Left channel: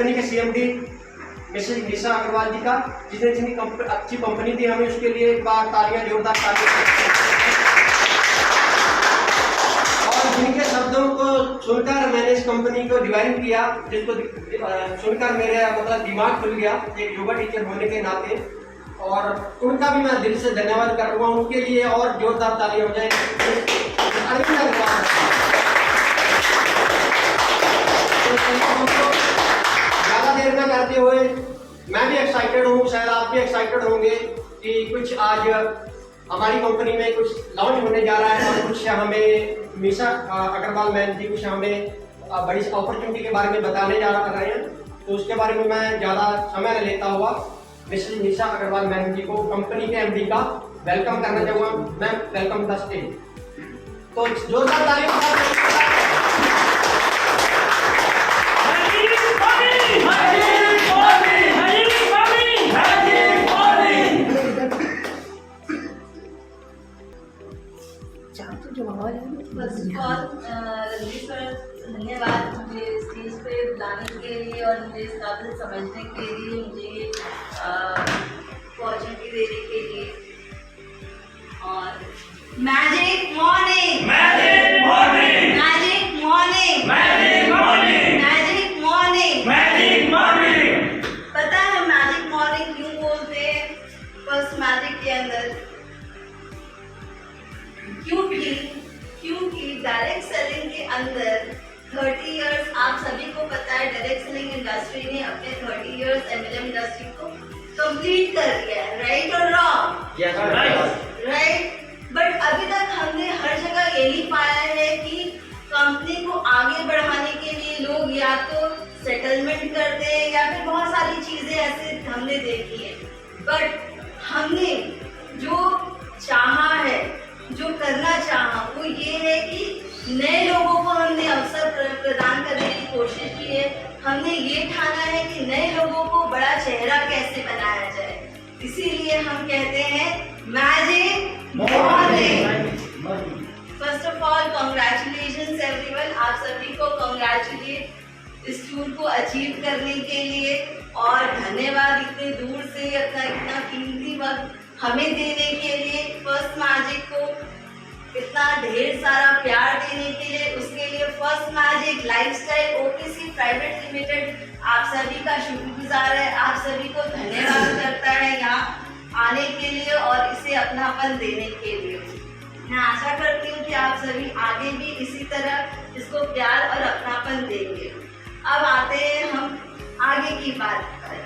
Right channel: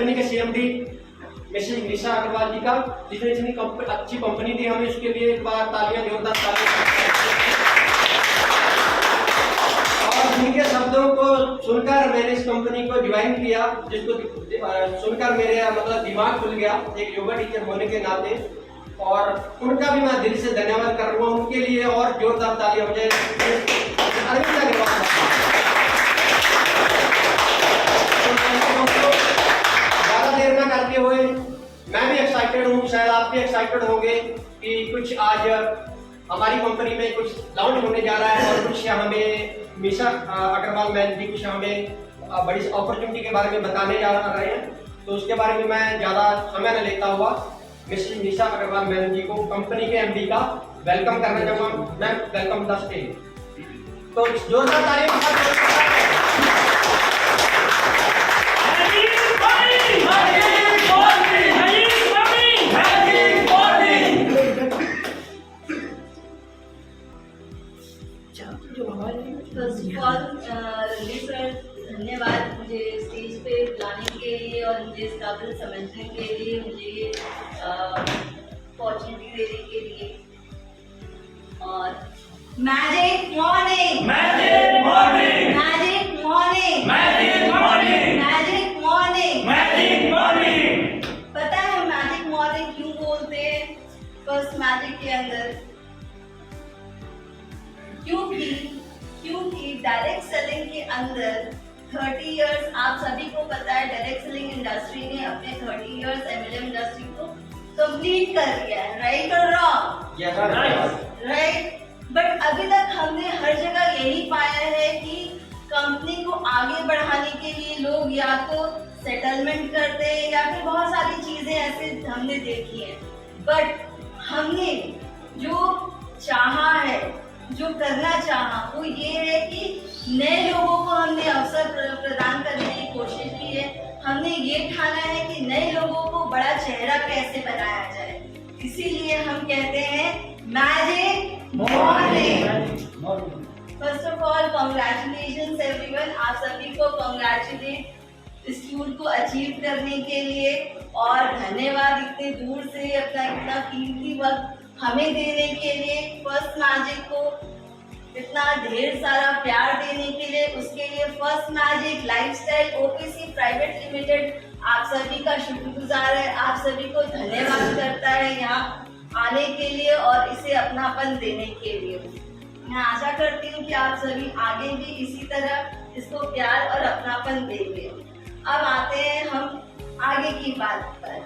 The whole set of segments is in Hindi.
कंपनी के सीएमडी मिसेज निशा अग्रवाल जी का, जिसने इतनी अच्छी कंपनी दी हमें, उसके लिए एक बार तालियां, जोरदार तालियां। और जिनके शब्दों को सुनकर मैंने इस कंपनी को ज्वाइन किया, जिसको सुनकर मेरे मतलब दिमाग खुल गया एक योगा टीचर होने के नाते, और उनका भी मैं दिल से धन्यवाद कर रहा हूँ। उनके लिए और जोरदार तालियां हो जाए। अरविंद अग्रवाल, ज्यादा देर न करते हुए मैं भी एक्साइटेड हूँ, शायद आप भी एक्साइटेड होंगे कि कुछ आज हमारी कंपनी में कुछ लॉन्च होने जा रहा है, और कुछ हमें निशा अग्रवाल मैम जी कुछ हमें बड़ी अपॉर्चुनिटी के बारे में बताने जा रहे हैं। तो उसके बारे में मैं ज़्यादा समय न लेता हुआ मिसेज निशा अग्रवाल मैम जी को, कंपनी के एमडी का वेलकम करना चाहूँगा। Ma'am, welcome the stage. तो जोरदार तालियां। First of all Ranveer sir, धन्यवाद मुझे स्टेज पे बुलाने के लिए और मुझे इस काबिल समझने के लिए, मुझे अपॉर्चुनिटी देने के लिए। और magic morning, magic morning, magic morning, magic morning, magic morning, magic morning. पता है मैजिक मॉर्निंग क्यों बोलते हैं फर्स्ट मैजिक के अंदर? क्योंकि डायरेक्ट सेलिंग के अंदर 30 इयर्स, आप सभी को पता है डायरेक्ट सेलिंग इंडस्ट्री ने अपने 30 इयर्स एमएलएम इंडस्ट्री को कंप्लीट कर लिया है। राइट और रॉन्ग? राइट। बट अभी तक हमने हर जगह यही पाया है कि कंपनी को आगे बढ़ाने के लिए लोग या तो सेटलमेंट करते हैं या फिर बहुत सारी चीजें ऐसे हमने देखी है। बट हमने जो चाहा है, जो करना चाहा, वो ये है कि नए लोगों को हमने अवसर प्रदान करने की कोशिश की है। हमने ये ठाना है कि नए लोगों को बड़ा चेहरा कैसे बनाया जाए, इसीलिए हम कहते हैं magic morning. First of all congratulations everyone, आप सभी को कांग्रेचुलेट इस टूर को अचीव करने के लिए, और धन्यवाद इतने दूर से अपना इतना कीमती वक्त हमें देने के लिए, फर्स्ट मैजिक को इतना ढेर सारा प्यार देने के लिए। उसके लिए first magic lifestyle OPC private limited आप सभी का शुक्रगुजार है, आप सभी को धन्यवाद करता है यहाँ आने के लिए और इसे अपनापन देने के लिए। मैं आशा करती हूँ कि आप सभी आगे भी इसी तरह इसको प्यार और अपनापन देंगे। अब आते हैं हम आगे की बात पर।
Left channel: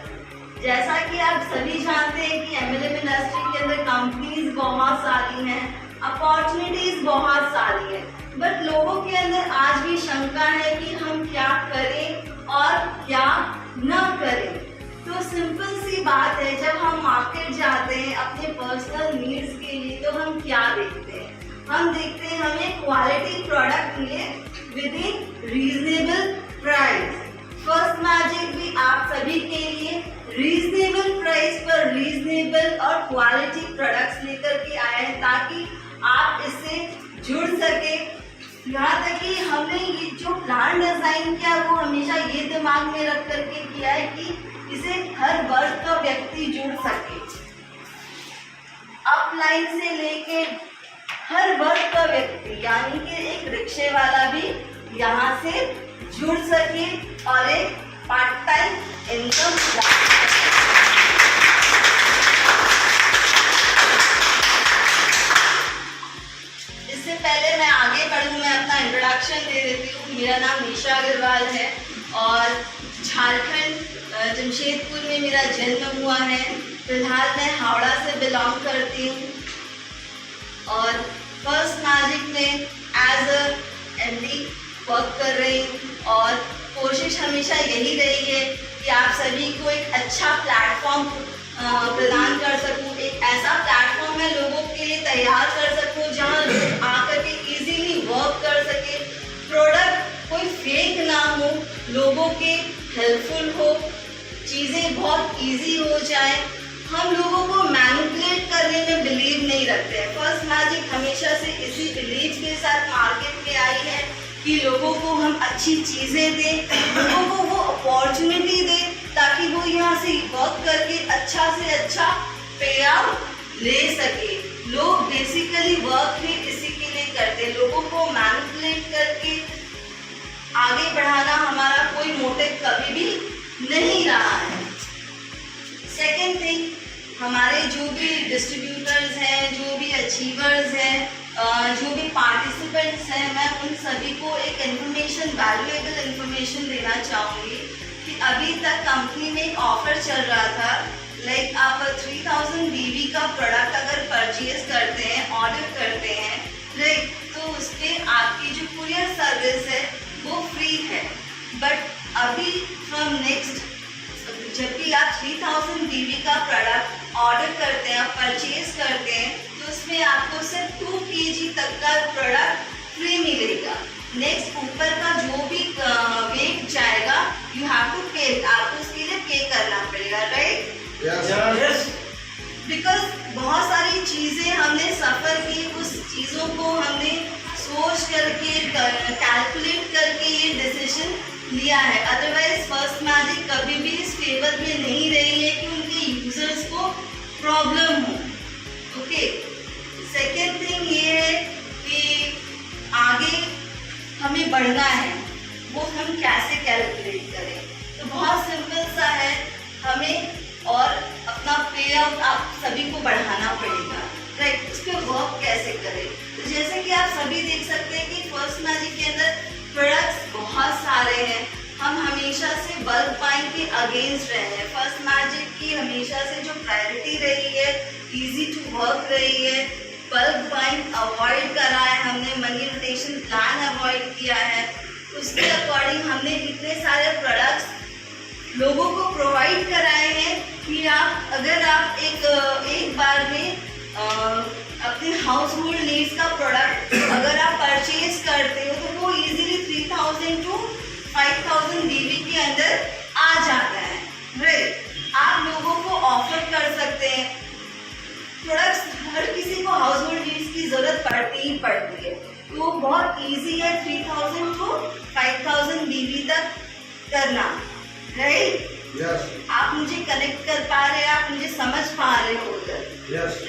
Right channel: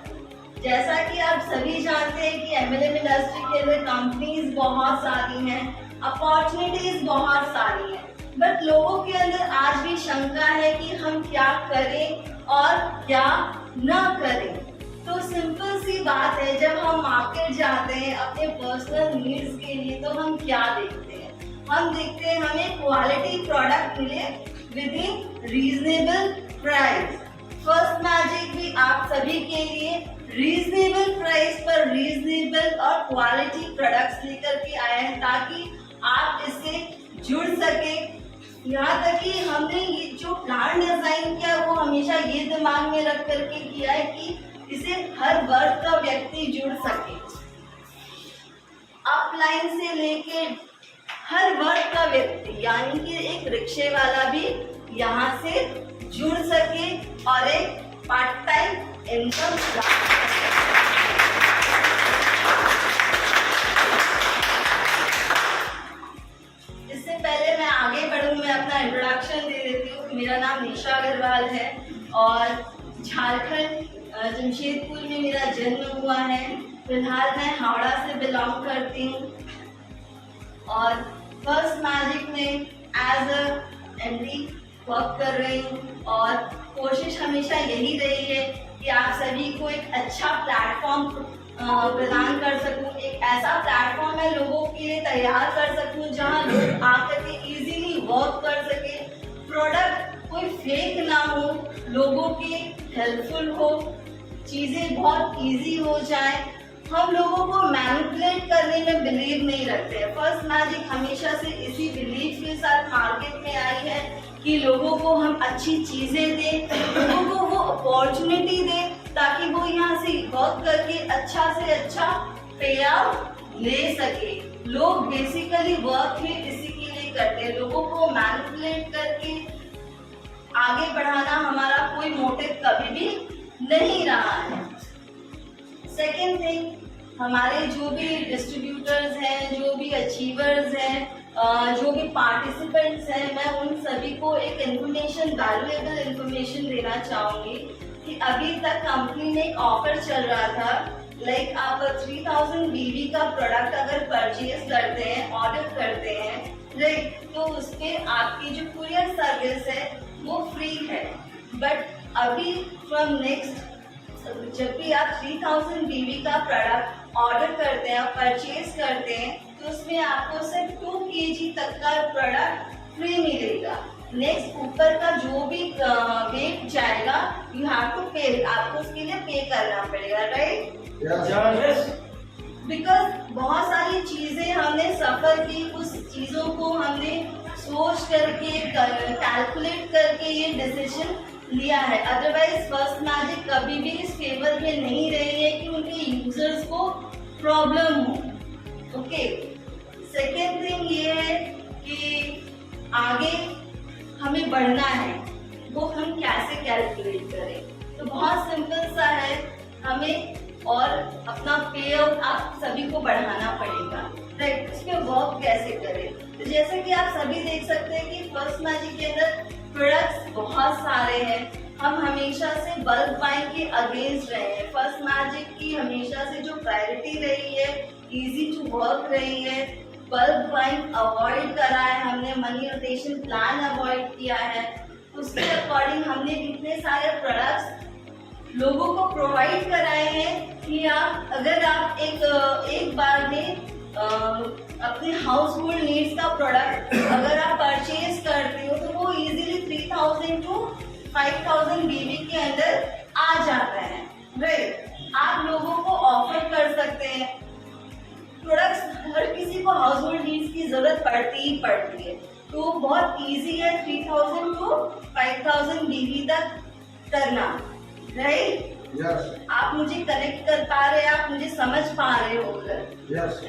जैसा कि आप सभी जानते हैं कि एमएलएम इंडस्ट्री के अंदर कंपनीज बहुत सारी हैं, अपॉर्चुनिटीज बहुत सारी हैं, बट लोगों के अंदर आज भी शंका है कि हम क्या करें और क्या न करें। तो सिंपल सी बात है, जब हम मार्केट जाते हैं अपने पर्सनल नीड्स के लिए तो हम क्या देखते हैं? हम देखते हैं हमें क्वालिटी प्रोडक्ट मिले with in reasonable price. First magic भी आप सभी के लिए रीजनेबल प्राइस पर रीजनेबल और क्वालिटी प्रोडक्ट्स लेकर के आए हैं ताकि आप इससे जुड़ सके। यहाँ तक कि हमने ये जो प्लान डिजाइन किया वो हमेशा ये दिमाग में रख करके किया है कि इसे हर वर्ग का व्यक्ति जुड़ सके, अपलाइन से लेके हर वर्ग का व्यक्ति, यानी कि एक रिक्शे वाला भी यहाँ से जुड़ सके और एक पार्ट टाइम इनकम। इससे पहले मैं आगे बढ़ूं, मैं अपना इंट्रोडक्शन दे देती हूँ। मेरा नाम निशा अग्रवाल है और झारखंड जमशेदपुर में मेरा जन्म हुआ है। फिलहाल मैं हावड़ा से बिलोंग करती हूँ और फर्स्ट मैजिक में एज अ एमडी वर्क कर रही हूँ और कोशिश हमेशा यही रही है कि आप सभी को एक अच्छा प्लेटफॉर्म प्रदान कर सकूँ, एक ऐसा प्लेटफॉर्म मैं लोगों के लिए तैयार कर सकूँ जहाँ लोग आकर के इजीली वर्क कर सके, प्रोडक्ट कोई फेक ना हो, लोगों के हेल्पफुल हो, चीज़ें बहुत इजी हो जाए। हम लोगों को मैनिपुलेट करने में बिलीव नहीं रखते हैं। फर्स्ट मैजिक हमेशा से इसी बिलीव के साथ मार्केट में आई है कि लोगों को हम अच्छी चीज़ें दें, लोगों को वो अपॉर्चुनिटी दें ताकि वो यहाँ से वर्क करके अच्छा से अच्छा पे आउट ले सके। लोग बेसिकली वर्क ही इसी के लिए करते हैं, लोगों को मैनिपुलेट करके आगे बढ़ाना हमारा कोई मोटिव कभी भी नहीं रहा है। सेकेंड थिंग, हमारे जो भी डिस्ट्रीब्यूटर्स हैं, जो भी अचीवर्स हैं, जो भी पार्टिसिपेंट्स हैं, मैं उन सभी को एक इन्फॉर्मेशन, वैल्यूएबल इन्फॉर्मेशन देना चाहूँगी कि अभी तक कंपनी में एक ऑफर चल रहा था, लाइक आप 3000 BV का प्रोडक्ट अगर परचेज करते हैं, ऑर्डर करते हैं, राइट, तो उस पर आपकी जो कुरियर सर्विस है वो फ्री है। बट अभी फ्रॉम नेक्स्ट, जब भी आप 3000 BV का प्रोडक्ट ऑर्डर करते हैं, परचेज करते हैं, तो उसमें आपको सिर्फ 2 kg तक का प्रोडक्ट फ्री मिलेगा। नेक्स्ट ऊपर का जो भी वेट जाएगा, यू हैव टू पे, आपको उसके लिए पे करना पड़ेगा, राइट? यस। बिकॉज बहुत सारी चीज़ें हमने सफ़र की, उस चीज़ों को हमने सोच करके, कैलकुलेट करके ये डिसीजन लिया है। अदरवाइज फर्स्ट मैजिक कभी भी इस फेवर में नहीं रही है कि उनके यूजर्स को प्रॉब्लम हो। ओके, सेकेंड थिंग ये है कि आगे हमें बढ़ना है, वो हम कैसे कैलकुलेट करें। तो बहुत सिंपल सा है, हमें और अपना पे आउट आप सभी को बढ़ाना पड़ेगा, राइट? उस पर वर्क कैसे करें? तो जैसे कि आप सभी देख सकते हैं कि फर्स्ट मैजिक के अंदर प्रोडक्ट्स बहुत सारे हैं। हम हमेशा से बल्क बाइंग के अगेंस्ट रहे हैं। फर्स्ट मैजिक की हमेशा से जो प्रायोरिटी रही है, इजी टू वर्क रही है, बल्क बाइंग अवॉइड करा है हमने, मनी रोटेशन प्लान अवॉइड किया है। उसके अकॉर्डिंग हमने इतने सारे प्रोडक्ट्स लोगों को प्रोवाइड कराए हैं कि आप अगर आप एक बार में अपने हाउस होल्ड नीड्स का प्रोडक्ट अगर आप परचेज करते हो तो वो इजीली 3000 to 5000 BV के अंदर आ जाता है, राइट? आप लोगों को ऑफर कर सकते हैं प्रोडक्ट्स। हर किसी को हाउस होल्ड नीड्स की जरूरत पड़ती ही पड़ती है, तो बहुत इजी है 3000 to 5000 BV तक करना, राइट? यस। आप मुझे कनेक्ट कर पा रहे हैं, आप मुझे समझ पा रहे हो उधर? यस।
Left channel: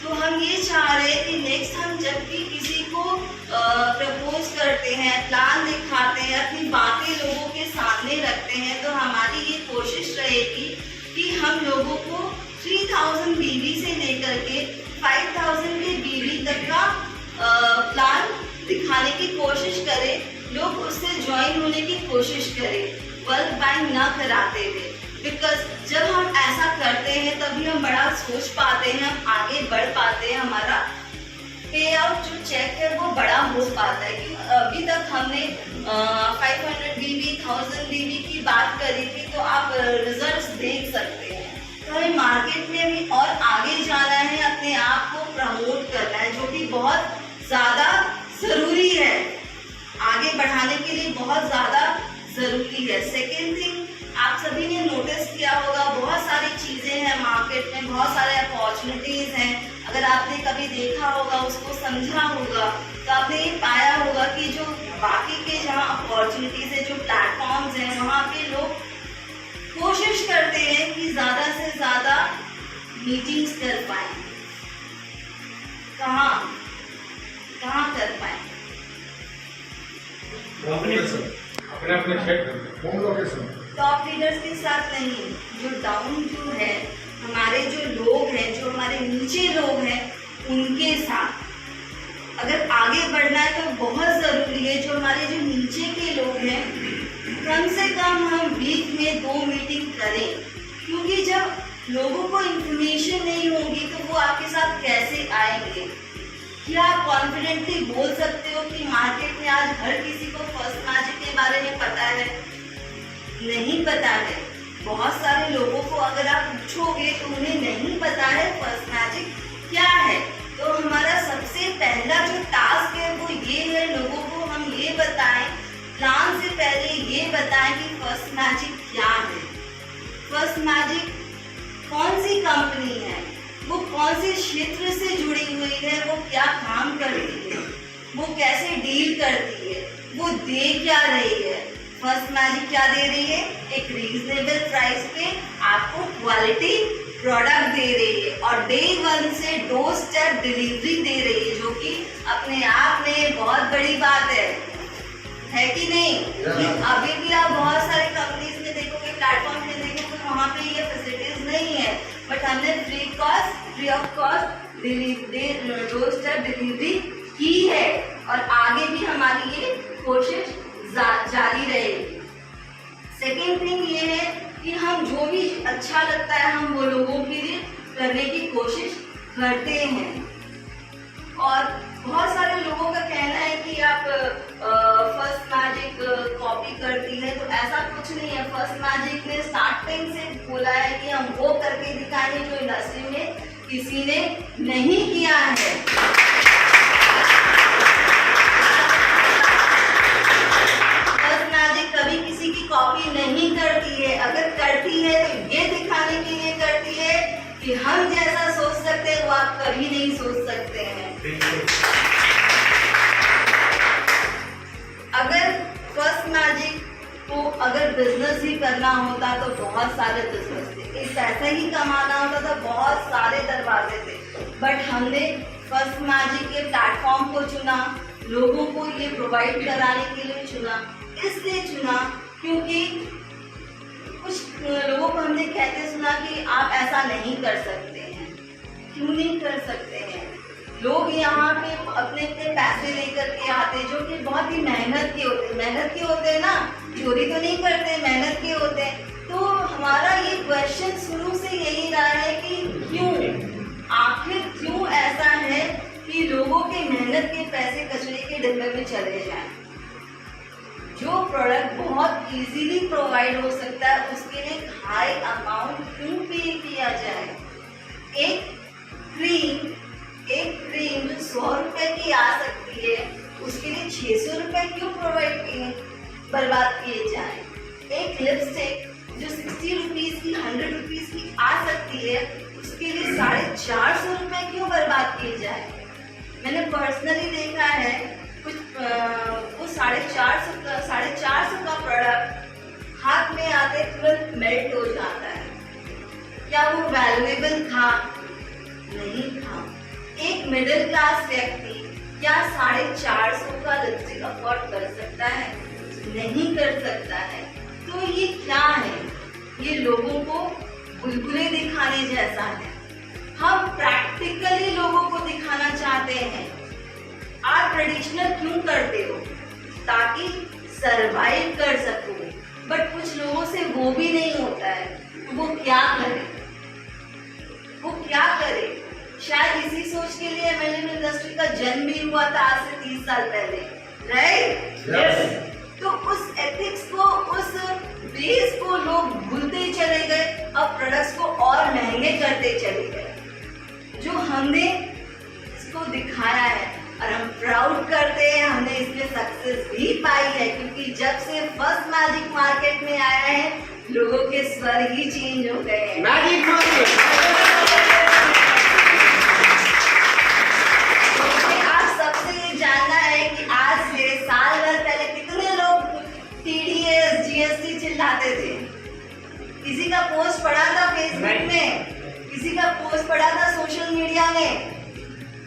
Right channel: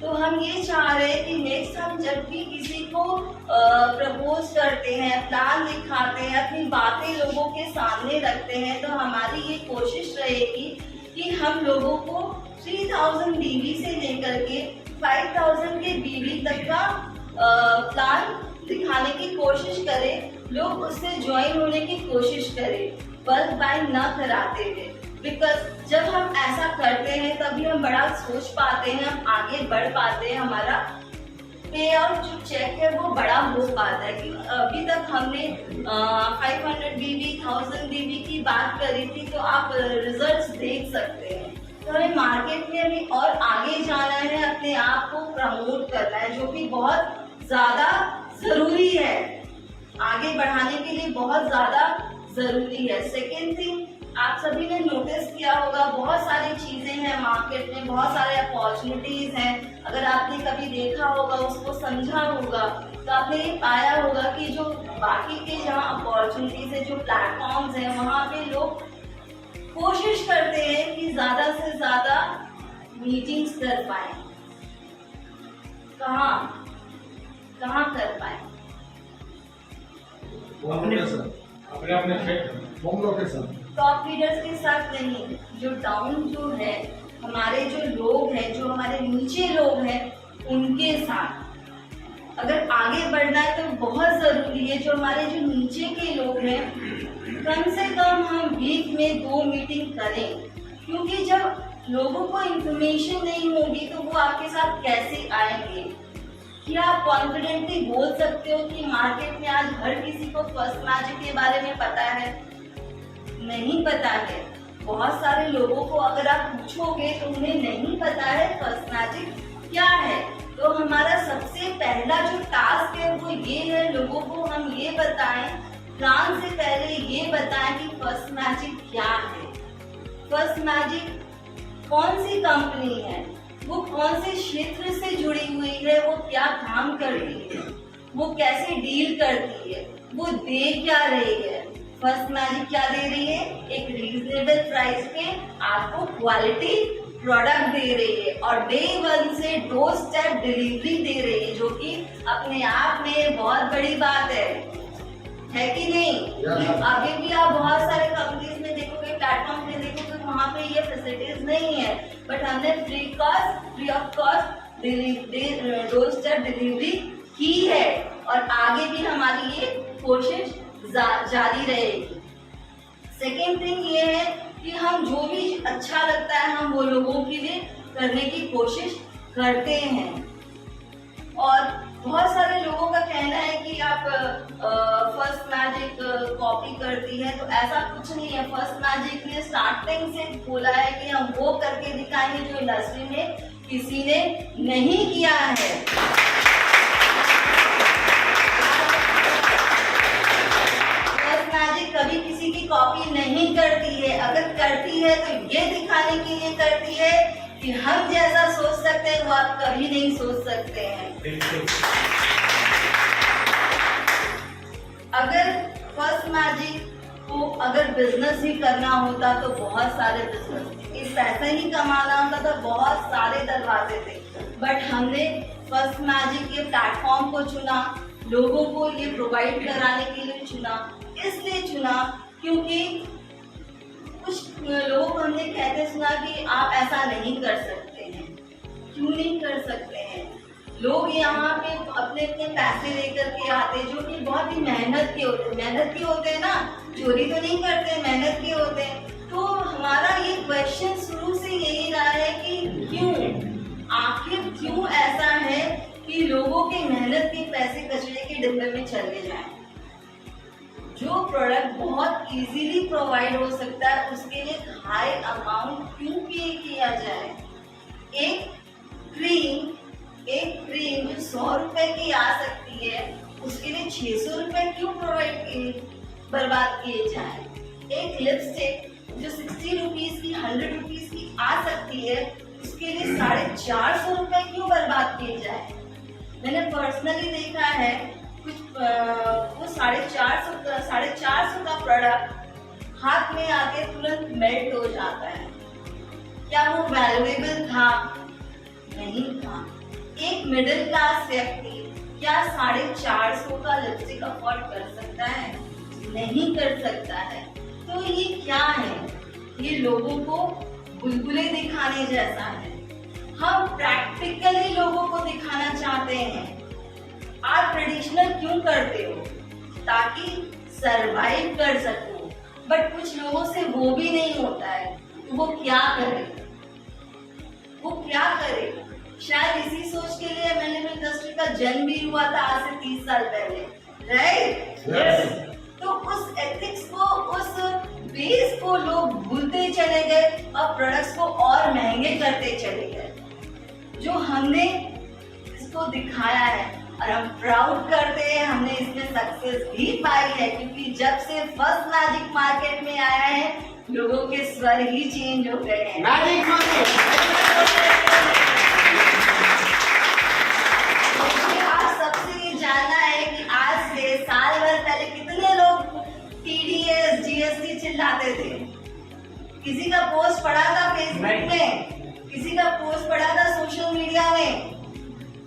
तो हम ये चाह रहे हैं कि नेक्स्ट हम जब भी किसी को प्रपोज करते हैं, प्लान दिखाते हैं, अपनी बातें लोगों के सामने रखते हैं, तो हमारी ये कोशिश रहेगी कि हम लोगों को 3000 BV से लेकर के 5000 के BV तक का प्लान दिखाने की कोशिश करें, लोग उससे ज्वाइन होने की कोशिश करें, बल्क बाइंग ना कराते हुए। बिकॉज जब हम ऐसा करते हैं तभी हम बड़ा सोच पाते हैं, हम आगे बढ़ पाते हैं, हमारा पे आउट जो चेक है वो बड़ा हो पाता है। कि अभी तक हमने 500 BV 1000 BV की बात करी थी, तो आप रिजल्ट्स देख सकते हैं। तो हमें मार्केट में भी और आगे जाना है, अपने आप को प्रमोट करना है, जो कि बहुत ज़्यादा ज़रूरी है, आगे बढ़ाने के लिए बहुत ज़्यादा ज़रूरी है। सेकेंड थिंग, आप सभी ने नोटिस किया होगा बहुत सारी चीज़ें हैं मार्केट में, बहुत सारे अपॉर्चुनिटीज़ हैं। अगर आपने कभी देखा होगा, उसको समझा होगा, तो आपने ये पाया होगा कि जो बाकी के जहाँ अपॉर्चुनिटीज़ है, जो प्लेटफॉर्म्स हैं, वहाँ पे लोग कोशिश करते हैं कि ज़्यादा से ज़्यादा मीटिंग्स कर पाएँ। कहाँ कर पाएँ? अपने क्षेत्र होम लोकेशन टॉप लीडर्स के साथ नहीं, जो डाउन जो है, हमारे जो लोग हैं, जो हमारे नीचे लोग हैं, उनके साथ अगर आगे बढ़ना है तो बहुत ज़रूरी है जो हमारे जो नीचे के लोग हैं, कम से कम हम वीक में 2 मीटिंग करें। क्योंकि जब लोगों को इन्फॉर्मेशन नहीं होगी तो वो आपके साथ कैसे आएंगे? क्या आप कॉन्फिडेंटली बोल सकते हो कि मार्केट में आज हर किसी को फर्स्ट मैजिक के बारे में पता है? नहीं पता है। बहुत सारे लोगों को अगर आप पूछोगे तो उन्हें नहीं पता है फर्स्ट मैजिक क्या है। तो हमारा सबसे पहला जो टास्क है वो ये है, लोगों को हम ये बताएं, प्लान से पहले ये बताएं कि फर्स्ट मैजिक क्या है, फर्स्ट मैजिक कौन सी कंपनी है, वो कौन से क्षेत्र से जुड़ी हुई है, वो क्या काम करती है। वो कैसे डील करती है, वो दे क्या रही है। फर्स्ट मैजिक क्या दे रही है, एक रीजनेबल प्राइस पे आपको क्वालिटी प्रोडक्ट दे रही है और डे 1 से डोर स्टेप डिलीवरी दे रही है, जो कि अपने आप में बहुत बड़ी बात है कि नहीं। अभी भी आप बहुत सारे कंपनीज में देखोगे, प्लेटफॉर्म में देखोगे, वहाँ पे ये फैसिलिटीज नहीं है, बट हमने free of cost door step delivery की है और आगे भी हमारी ये कोशिश जारी रहेगी। सेकेंड थिंग ये है कि हम जो भी अच्छा लगता है हम वो लोगों के लिए करने की कोशिश करते हैं। और बहुत सारे लोगों का कहना है कि आप फर्स्ट मैजिक कॉपी करती है, तो ऐसा कुछ नहीं है। फर्स्ट मैजिक ने स्टार्टिंग से बोला है कि हम वो करके दिखाएंगे जो इंडस्ट्री में किसी ने नहीं किया है। कभी किसी की कॉपी नहीं करती है, अगर करती है तो ये दिखाने के लिए करती है कि हम जैसा सोच सकते हैं वो आप कभी नहीं सोच सकते हैं। अगर फर्स्ट मैजिक को अगर बिजनेस ही करना होता तो बहुत सारे बिजनेस थे, इस पैसा ही कमाना होता तो बहुत सारे दरवाजे थे, बट हमने फर्स्ट मैजिक के प्लेटफॉर्म को चुना, लोगों को ये प्रोवाइड कराने के लिए चुना। इसलिए चुना क्योंकि कुछ लोगों को हमने कहते सुना कि आप ऐसा नहीं कर सकते हैं। क्यों नहीं कर सकते हैं? लोग यहाँ पे अपने अपने पैसे लेकर के आते जो कि बहुत ही मेहनत के होते हैं ना, चोरी तो नहीं करते, मेहनत के होते हैं। तो हमारा ये क्वेश्चन शुरू से यही रहा है कि आखिर क्यों ऐसा है कि लोगों की मेहनत के पैसे कचरे के डिब्बे में चले जाएं। जो प्रोडक्ट बहुत इजीली प्रोवाइड हो सकता है उसके लिए हाई अमाउंट क्यों पे किया जाए। एक क्रीम जो 100 रुपए की आ सकती है उसके लिए 600 रुपए क्यों बर्बाद किए जाए। एक लिपस्टिक जो 60 रुपीज की 100 रुपीज की आ सकती है उसके लिए 450 रुपए क्यों बर्बाद किए जाए। मैंने पर्सनली देखा है कुछ वो 450 का प्रोडक्ट हाथ में आते तुरंत मेल्ट हो जाता है। क्या वो वैल्यूएबल था? नहीं था। एक मिडिल क्लास व्यक्ति क्या 450 का लिपस्टिक अफोर्ड कर सकता है? नहीं कर सकता है। तो ये क्या है? ये लोगों को बुलबुले दिखाने जैसा है। हम प्रैक्टिकली लोगों को दिखाना चाहते हैं। आप ट्रेडिशनल क्यों करते हो? ताकि सरवाइव कर सको, बट कुछ लोगों से वो भी नहीं होता है। वो क्या करे? शायद इसी सोच के लिए एमएलएम इंडस्ट्री का जन्म भी हुआ था आज से 30 साल पहले, राइट? यस। तो उस एथिक्स को, उस बेस को लोग भूलते चले गए और प्रोडक्ट्स को और महंगे करते चले गए। जो हमने इसको दिखाया है और हम प्राउड करते हैं, हमने इसमें सक्सेस भी पाई है, क्योंकि जब से फर्स्ट मैजिक मार्केट में आया है लोगों के स्वर ही चेंज हो गए हैं। आप सबसे ये जानना है कि आज से साल भर पहले कितने लोग TDS GST चिल्लाते थे। किसी का पोस्ट पड़ा था फेसबुक में, किसी का पोस्ट पड़ा था सोशल मीडिया में।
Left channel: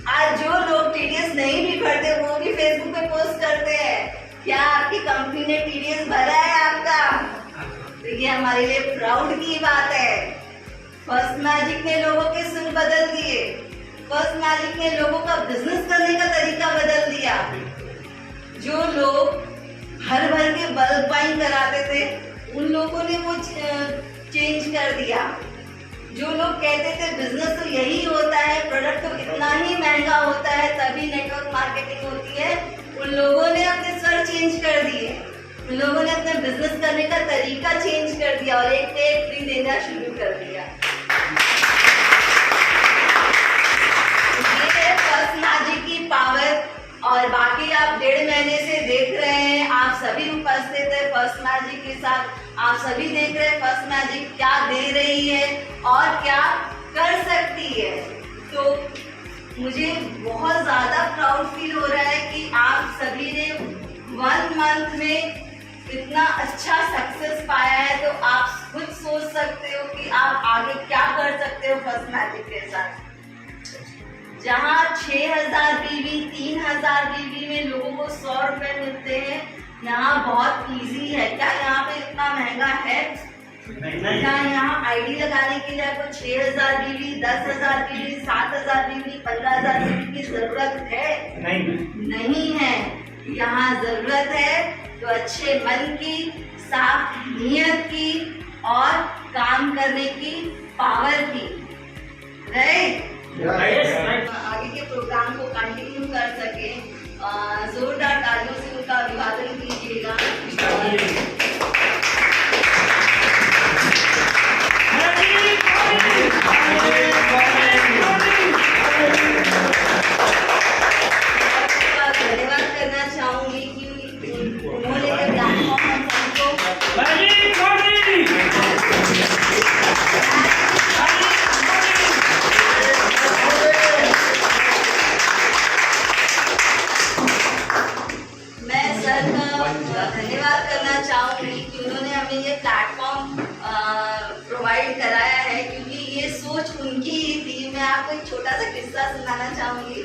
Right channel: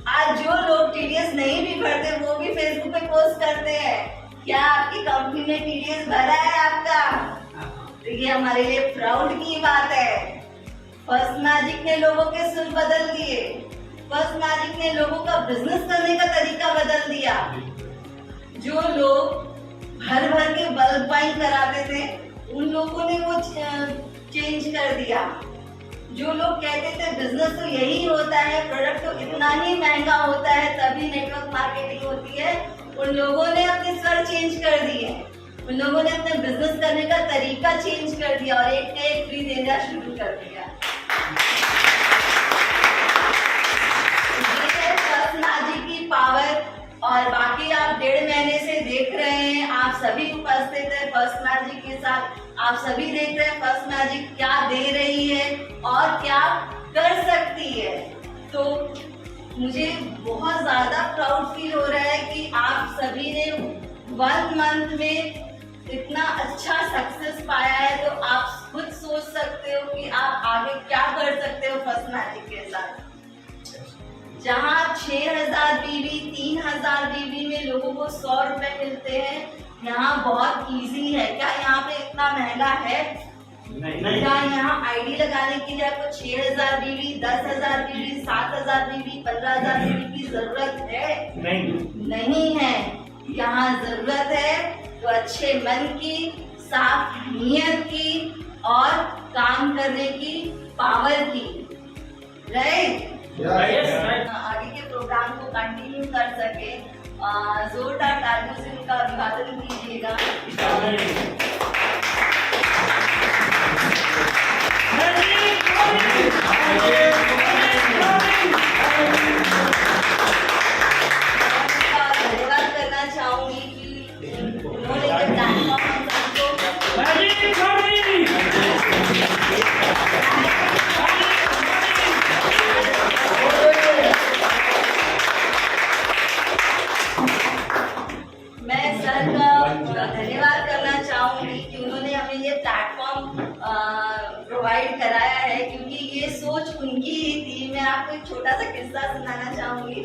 आज जो लोग TDS नहीं भी भरते वो भी फेसबुक पे पोस्ट करते हैं। क्या आपकी कंपनी ने TDS भरा है आपका? तो ये हमारे लिए प्राउड की बात है। फर्स्ट मैजिक ने लोगों के सुर बदल दिए। फर्स्ट मैजिक ने लोगों का बिजनेस करने का तरीका बदल दिया। जो लोग भर भर के बल्क बाइंग कराते थे उन लोगों ने वो चेंज कर दिया। जो लोग कहते थे बिजनेस तो यही होता है, प्रोडक्ट तो इतना ही महंगा होता है तभी नेटवर्क मार्केटिंग होती है, उन लोगों ने अपने स्वर चेंज कर दिए। उन लोगों ने अपने बिजनेस करने का तरीका चेंज कर दिया और एक फ्री देना शुरू कर दिया। ये है फर्स्ट मैजिक की पावर। और बाकी आप 1.5 महीने से देख रहे हैं, आप सभी उपस्थित है फर्स्ट मैजिक के साथ। आप सभी देख रहे हैं फर्स्ट मैजिक क्या दे रही है और क्या कर सकती है। तो मुझे बहुत ज्यादा प्राउड फील हो रहा है कि मंथ में इतना अच्छा सक्सेस पाया है, तो आप खुद सोच सकते हो कि आप आगे क्या कर सकते हो फर्स्ट मैजिक के साथ। जहाँ 6000 बीवी 3000 बीवी में लोगों को 100 रुपए मिलते हैं, यहाँ बहुत इजी है। क्या यहाँ पे इतना महंगा है? क्या यहाँ आईडी लगाने के लिए आपको 6000 बीवी 10,000 बीवी 7,000 बीवी 15,000 बीवी की जरूरत है? नहीं है। यहाँ जरूरत है तो अच्छे मन की, साफ नीयत की और काम करने की पावर की, राइट? आगे के प्रोग्राम को कंटिन्यू कर सके, जोरदार तालियों से उनका अभिवादन कीजिएगा। धन्यवाद करना चाहूंगी कि उन्होंने प्लेटफॉर्म धन्यवाद करना चाहूंगी कि उन्होंने हमें ये प्लेटफॉर्म प्रोवाइड कराया है, क्योंकि ये सोच उनकी ही थी। मैं आपको एक छोटा सा किस्सा सुनाना चाहूंगी।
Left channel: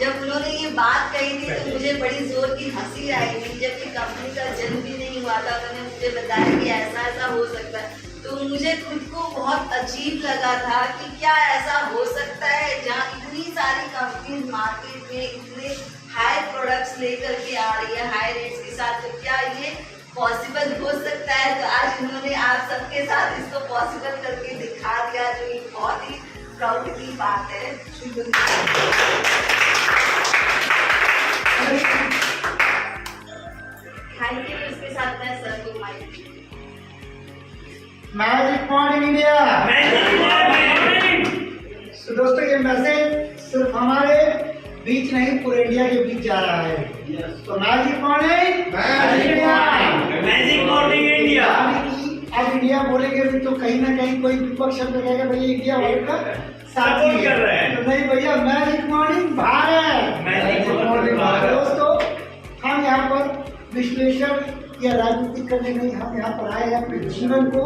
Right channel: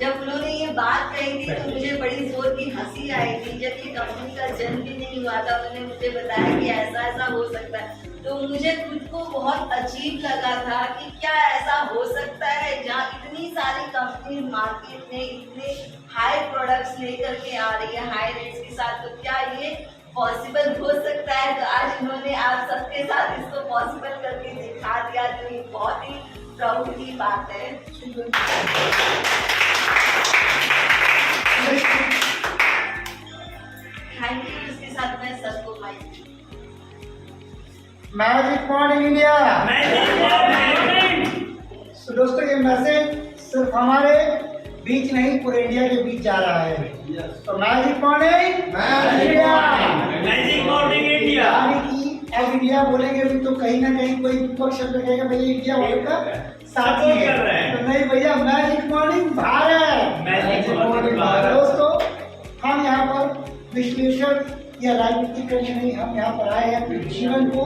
जब उन्होंने ये बात कही थी तो मुझे बड़ी जोर की हंसी आई थी। जब ये कंपनी का जन्म भी नहीं हुआ था, उन्होंने मुझे बताया कि ऐसा ऐसा हो सकता है, तो मुझे खुद को बहुत अजीब लगा था कि क्या ऐसा हो सकता है जहाँ इतनी सारी कंपनीज मार्केट में इतने हाई प्रोडक्ट्स लेकर के आ रही है हाई रेट्स के साथ, तो क्या ये पॉसिबल हो सकता है? तो आज उन्होंने आप सबके साथ इसको पॉसिबल करके दिखा दिया, जो एक बहुत ही प्राउड की बात है। Thank you. इसके साथ मैं सबको मैजिक मॉर्निंग इंडिया। तो दोस्तों ये मैसेज सिर्फ हमारे बीच नहीं, पूरे इंडिया के बीच जा रहा है। तो magic morning India, magic morning India. यानी कि अब इंडिया बोलेंगे भी तो कहीं ना कहीं कोई विपक्ष शब्द कहेगा भैया इंडिया होगा साथी कर रहे हैं। तो नहीं भैया, magic morning Bharat. Magic morning Bharat. दोस्तों हम यहाँ पर विश्लेषण या राजनीति करने नहीं, हम यहाँ पर आए हैं अपने जीवन को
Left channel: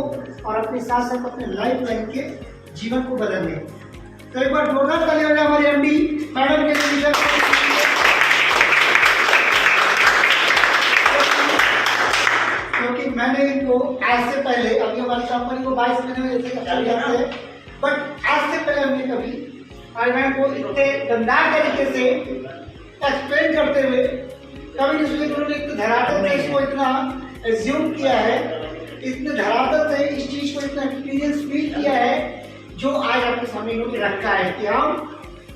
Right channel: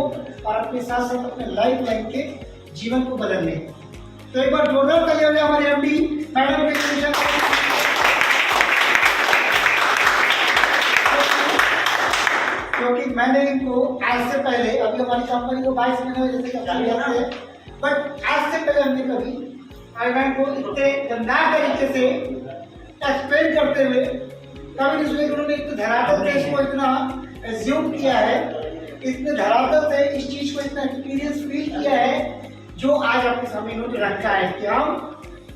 और अपने साथ साथ अपने लाइफ लाइन के जीवन को बदलने। तो एक बार जोरदार ताली हो जाए हमारे एमडी मैडम के लिए। क्योंकि मैंने इनको आज से पहले, अभी हमारी कंपनी को 22 महीने में जैसे है, बट आज से पहले हमने कभी आईवैन को इतने दमदार तरीके से एक्सप्लेन करते हुए कभी नहीं। उन्होंने इतने धरातल से इसको इतना एज्यूम किया है, इतने धरातल से इस चीज को इतना एक्सपीरियंस फील किया है, जो आज आपके सामने इन्होंने रखा है कि हम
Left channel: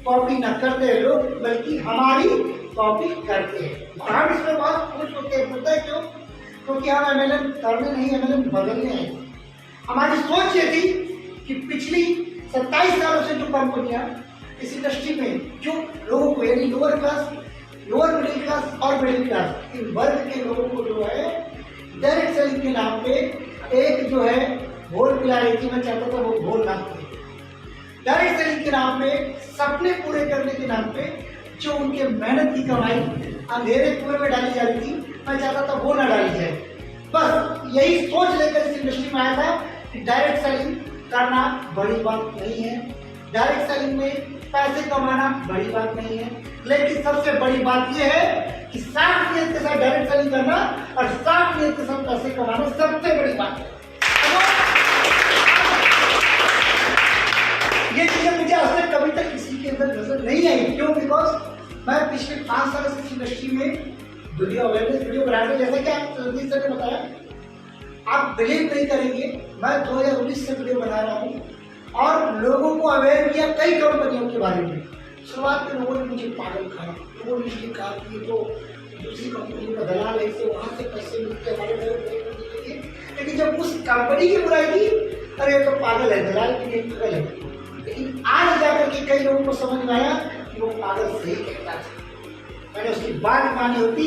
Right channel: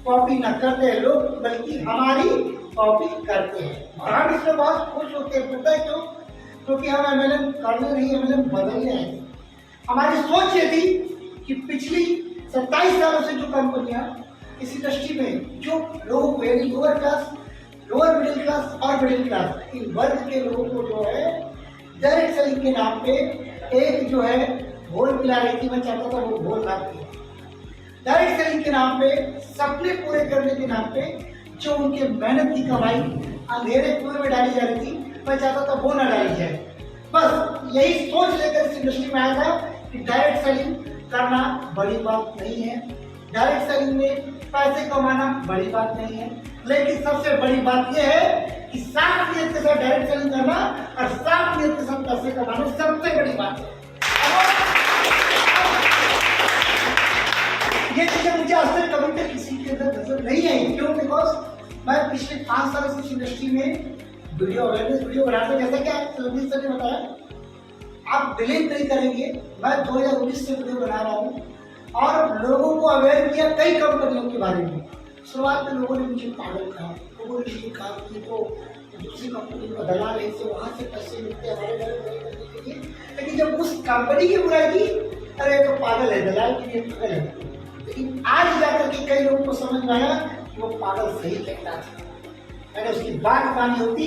कॉपी न करते हैं लोग, बल्कि हमारी कॉपी करते हैं। और हम इसमें बहुत खुश होते हैं। पता है क्यों? क्योंकि हम एमएलएम करने नहीं, एमएलएम बदलने हैं। हमारी सोच ये थी कि पिछली 27 सालों से जो कंपनियां इस इंडस्ट्री में जो लोगों को, यानी lower class, lower middle class और मिडिल क्लास, इन वर्ग के लोगों को जो है डायरेक्ट सेलिंग के नाम पे एक जो है घोल पिला रही थी। मैं चाहता था वो घोल ना पिए। डायरेक्ट सेलिंग के नाम पे, सपने पूरे करने के नाम पे जो उनके मेहनत की कमाई अंधेरे कुएं में डाली जा रही थी, मैं चाहता था वो ना डाली जाए। बस यही सोच लेकर इस इंडस्ट्री में आया था कि डायरेक्ट सेलिंग करना बड़ी बात नहीं है, डायरेक्ट सेलिंग में पैसे कमाना बड़ी बात नहीं है, लेकिन सबसे बड़ी बात यह है कि साफ नीयत के साथ डायरेक्ट सेलिंग करना और साफ नीयत के साथ पैसे कमाना सबसे बड़ी बात है। ये चीजें मुझे आज तक कभी तक किसी के अंदर नजर नहीं आई। क्यों? बिकॉज मैं पिछले 5 साल से इस इंडस्ट्री में वीडियो अवेयरनेस वीडियो बनाते, जैसे कि आप सुनील सर ने बताया, आप बिलीव नहीं करेंगे, मैं 2019 से वीडियो बना रहा हूँ और लोगों को अवेयर किया कई कंपनियों के बारे में। शुरुआत में लोगों ने मुझे पागल कहा, लोगों ने मुझे कहा कि वो दूसरी कंपनी का दलाल है, इससे वहाँ से पैसे मिलते हैं हमारे घर में करने के लिए। लेकिन जब उस कंपनी की बुराई की, अरे तो पागल है, दलाल के लिए पागल है। लेकिन आज जाकर के कई लोगों को समझ में आया कि वो पागल सही कहता था। मैंने उसकी बात मानी होती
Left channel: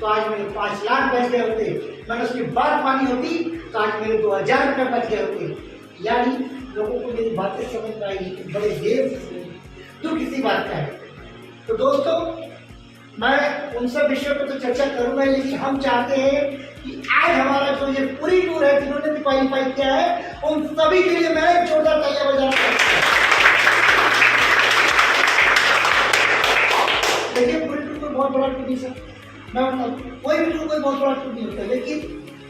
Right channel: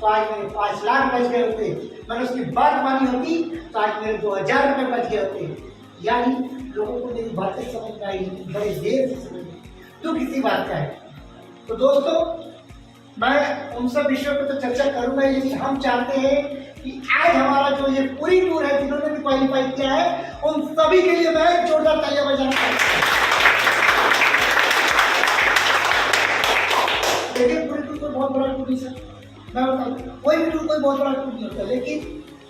तो आज मेरे 5 लाख बच गए होते, मैंने उसकी बात मानी होती तो आज मेरे 2000 रुपये बच गए होते। यानी लोगों को मेरी बातें समझ में आई, बड़े देर से समझ में। तो किसी बात का है। तो दोस्तों मैं उन सब विषयों पर तो चर्चा करूंगा, लेकिन हम चाहते हैं कि आज हमारा जो ये पूरी टूर है, जिन्होंने भी क्वालिफाई किया है, उन सभी के लिए मैं जोरदार तालियां बजाना चाहता हूं। देखिए पूरी टूर कोई बहुत बड़ा टूर नहीं सर, मैं बताऊँ कोई भी टूर कोई बहुत बड़ा टूर नहीं होता, लेकिन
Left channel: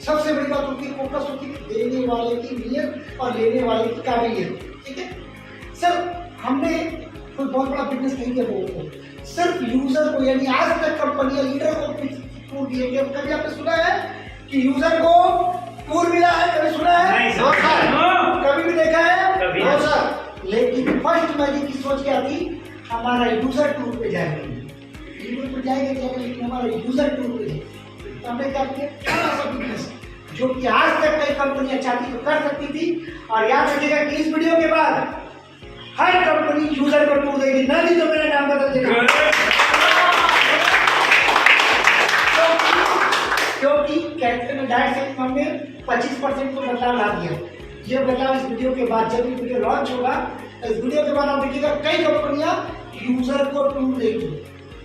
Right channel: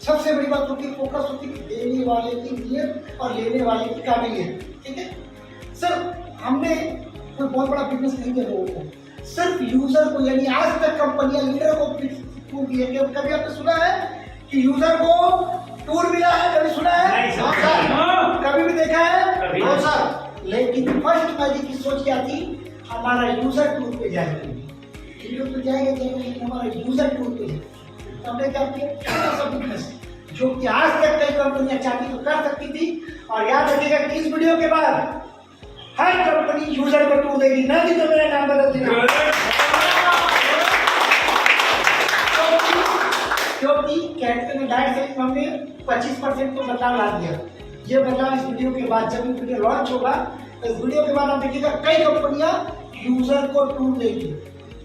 सबसे बड़ी बात होती है फोकस होती है देने वाले की नीयत और लेने वाले की काबिलियत। ठीक है सर, हमने कोई बहुत बड़ा बिजनेस नहीं किया लोगों को, सिर्फ यूजर को, यानी आज तक कंपनियां लीडर को टूर दिए। कभी आपने सुना है कि यूजर को टूर मिला है? कभी सुना है? नहीं सर। कभी भी देखा है? कभी नो नहीं। सर। लेकिन फर्स्ट मैजिक की सोच क्या थी, हमारा यूजर टूर पे जाएगा, लीडर पे जाएगा लेकिन हमारा यूजर टूर पे जाएगा। तो हमने क्या किया, छोटा सा बिजनेस जो कि आज तक कई कंपनियां चाहती तो कर सकती थी। और याद रखिएगा कि इस वीडियो के बाद हर कंपनी यूजर को टूर देगी, नहीं तो मेरा नाम बदल देगा। क्योंकि कैप्टन ने डायरेक्ट सेल्स में 25% तो बदलाव ला दिया। ये बदलाव इस वीडियो के बाद, जब ये वीडियो लॉन्च होगा, तो इस वीडियो के बाद आप देखिएगा कई कंपनियां यूजर को टूर देगी।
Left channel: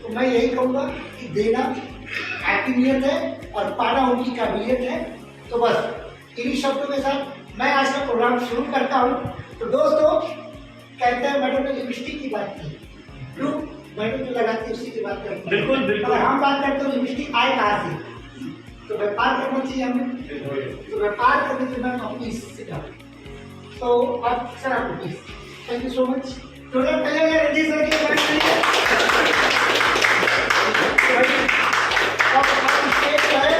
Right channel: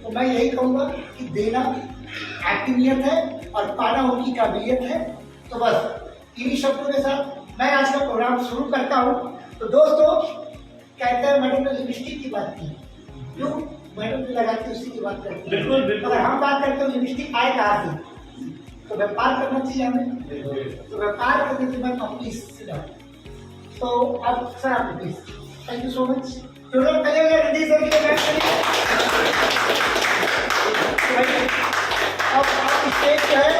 तो मैं यही कहूंगा कि देना आपकी नियत है और पाना उनकी काबिलियत है। तो बस इन्हीं शब्दों के साथ मैं आज का प्रोग्राम शुरू करता हूँ। तो दोस्तों, कहते हैं मैडम ने लिपस्टिक की बात की, क्यों? मैडम जो लगाती है उसी की बात करते हैं। बिल्कुल बिल्कुल। अगर हम बात करते हैं लिपस्टिक आए कहाँ से, तो व्यापार करना चाहिए हमें, तो व्यापार करने के बाद ऑफिस से जाओ। तो अब सर आपको please, thank you so much. तो पहले रणजीत सर की बात करिए। अब स्टेज जो है,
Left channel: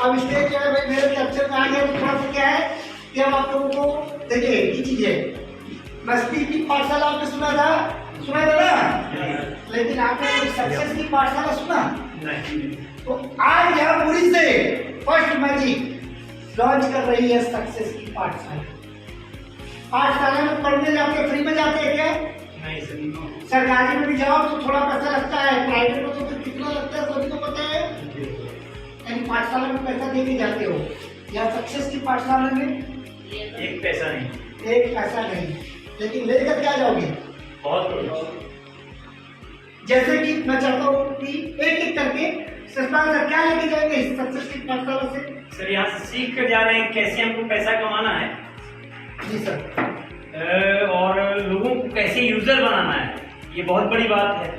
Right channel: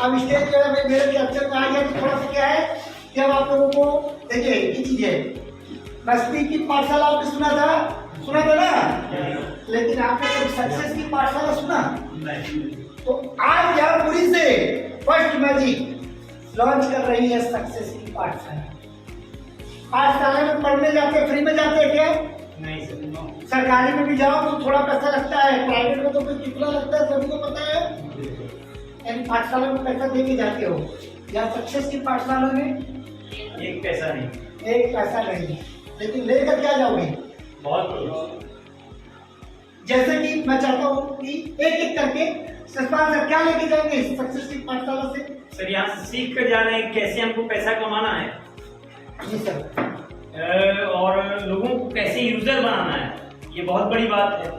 अब स्टेज जो है भाई मेरे कैप्चर में आ गया। थोड़ा सा क्या है कि अब आप लोगों को देखिए ये चीज है, मस्ती की पाठशाला आपने सुना था ना, लेकिन आपने कोई सक्सेस की पाठशाला सुना? तो आज यहाँ पुरी से फर्स्ट मैजिक लॉन्च कर रही है सक्सेस की पाठशाला। पाठशाला में पढ़ने जाते हैं, फ्री में जाते हैं क्या? नहीं सर, नो। सरकारी में भी जाओ तो थोड़ा पैसा लगता है, प्राइवेट में तो फिर कितना लगता है सभी को पता है। यानी पाठशाला में पैसा दे के जाते हो, या सक्सेस की पाठशाला में एक पैसा नहीं, एक पैसा नहीं, लेकिन लेकर क्या जाओगे? बहुत कुछ। जैसे कि मैं चाहता हूँ कि एक एक करके सस्पेंस सर क्या लेके जाएंगे इस सक्सेस की पाठशाला से? सर यहाँ से सीख कर जा रहे हैं कैसे हमको पैसा कमाना है, जी सर। और लोगों को कैसे यूजर बनाना है, ये बहुत बड़ी बात है।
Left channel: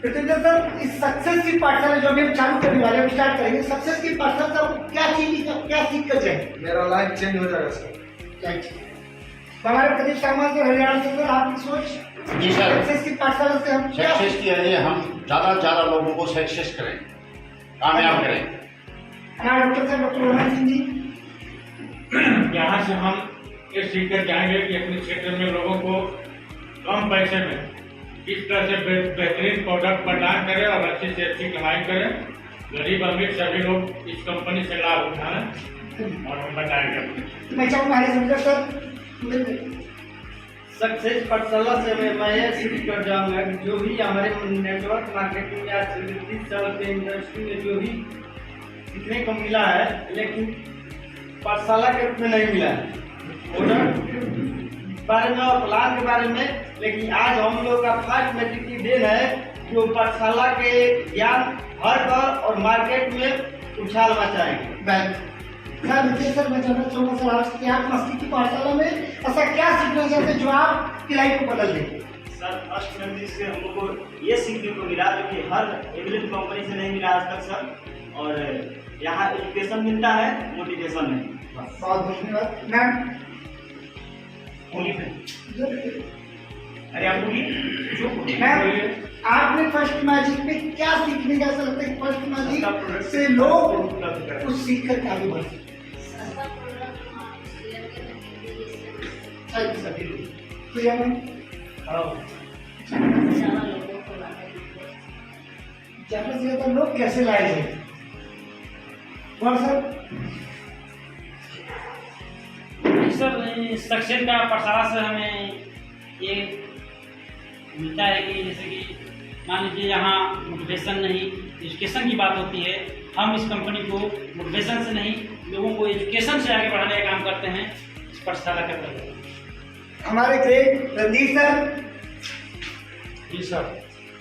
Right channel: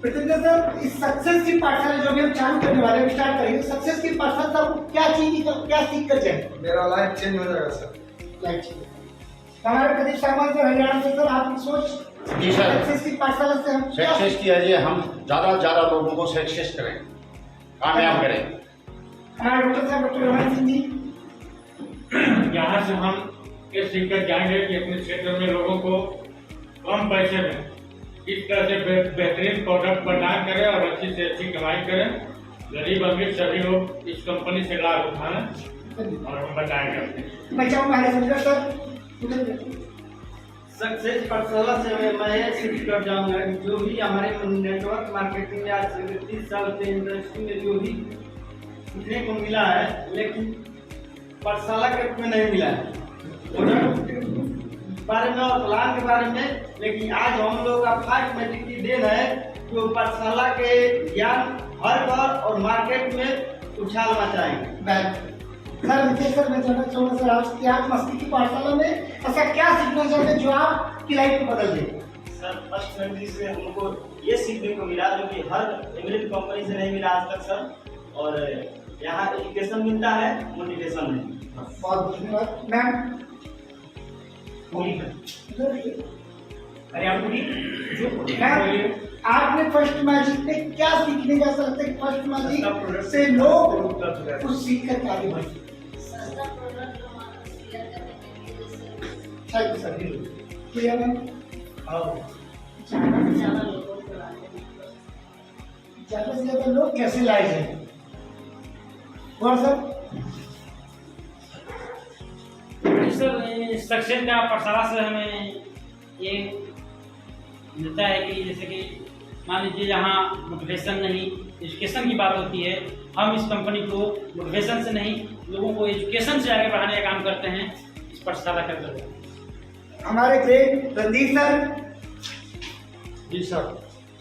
प्रत्येंद्र सर, इस सक्सेस की पाठशाला जो अभी हम चालू करने वाले हैं, स्टार्ट करेंगे, सक्सेस की पाठशाला से आपको क्या चीज, क्या सीख कर जाए? मेरा लाइफ चेंज हो जाएगा सर। हमारे प्रदीप सामान से, हरियाणा से, सर आपकी सोच? जी सर, सक्सेस की पाठशाला से हम क्या सक्सेस के लिए हम ज़्यादा से ज़्यादा लोगों को सक्सेस करें, कामयाब करें। हमारे डॉक्टर साहब, डॉक्टर रोहन सिंह जी, यहाँ से हम ये सीख कर जाएंगे कि अपने क्षेत्र में लोगों को कम पैसे में किस तरह से बेहतरीन प्रोडक्ट प्रदान करें और अच्छी से अच्छी कमाई करें। गरीब अमीर सभी लोग इस कंपनी से लाभ उठाएं और हम बताएंगे अपने। मैं चाहूँगा आगे समझो सर। सक्सेस पाठशाला से मैं यह सीख कर जाऊंगा कि जो भी हमारे नेटवर्क मार्केटिंग में आज 30 साल के इंडस्ट्री में जो भी सीखने को मिला है, लेकिन पाठशाला के रूप में नहीं मिला है, प्रोडक्ट के बारे में और प्लान के बारे में। लेकिन आज हम लोग का फर्स्ट मैजिक की देन है जो पाठशाला के ज्ञान हर घर और मार्केट में उछाल मचाएंगे। सर विजय सर, मैं जानना चाहूँगा सर आपसे कि आप मस्ती की पाठशाला में ऐसा क्या सीखना चाहते हैं जो आपकी लाइफ को बदल दे? सर फर्स्ट मैजिक से हम लोग को ये सीखने को मिला जो कि हर एमएलएम कंपनी से नहीं मिला आज तक सर। और यहाँ एजुकेशन मिलता है, मोटिवेशन नहीं। बहुत धन्यवाद मैम। अरे आप बोलिए। मैम, आपने फर्स्ट मैजिक में क्या सीखने का, ऐसा लगता है कि फर्स्ट मैजिक से लोग कुछ सीख कर आगे बढ़ सकते? सस्ता प्रोडक्ट हमारा शेयर करने के लिए thank you sir. Priya ma'am, ज्यादा लोगों को लाने ज़्यादा से ज़्यादा लोग कैसे लाए जाए? और सर सर सक्सेस का पाठशाला से हमें ये मिलता है कि जैसे कि मान लीजिए यहाँ मोटिवेशन नहीं, एजुकेशन की बात होती है। हम इस कंपनी को मोटिवेशन से नहीं, लोगों को एजुकेशन से आगे बढ़ाने का काम करते हैं इस पाठशाला का करके। हमारे ग्रेट रणदीप सर, जी सर।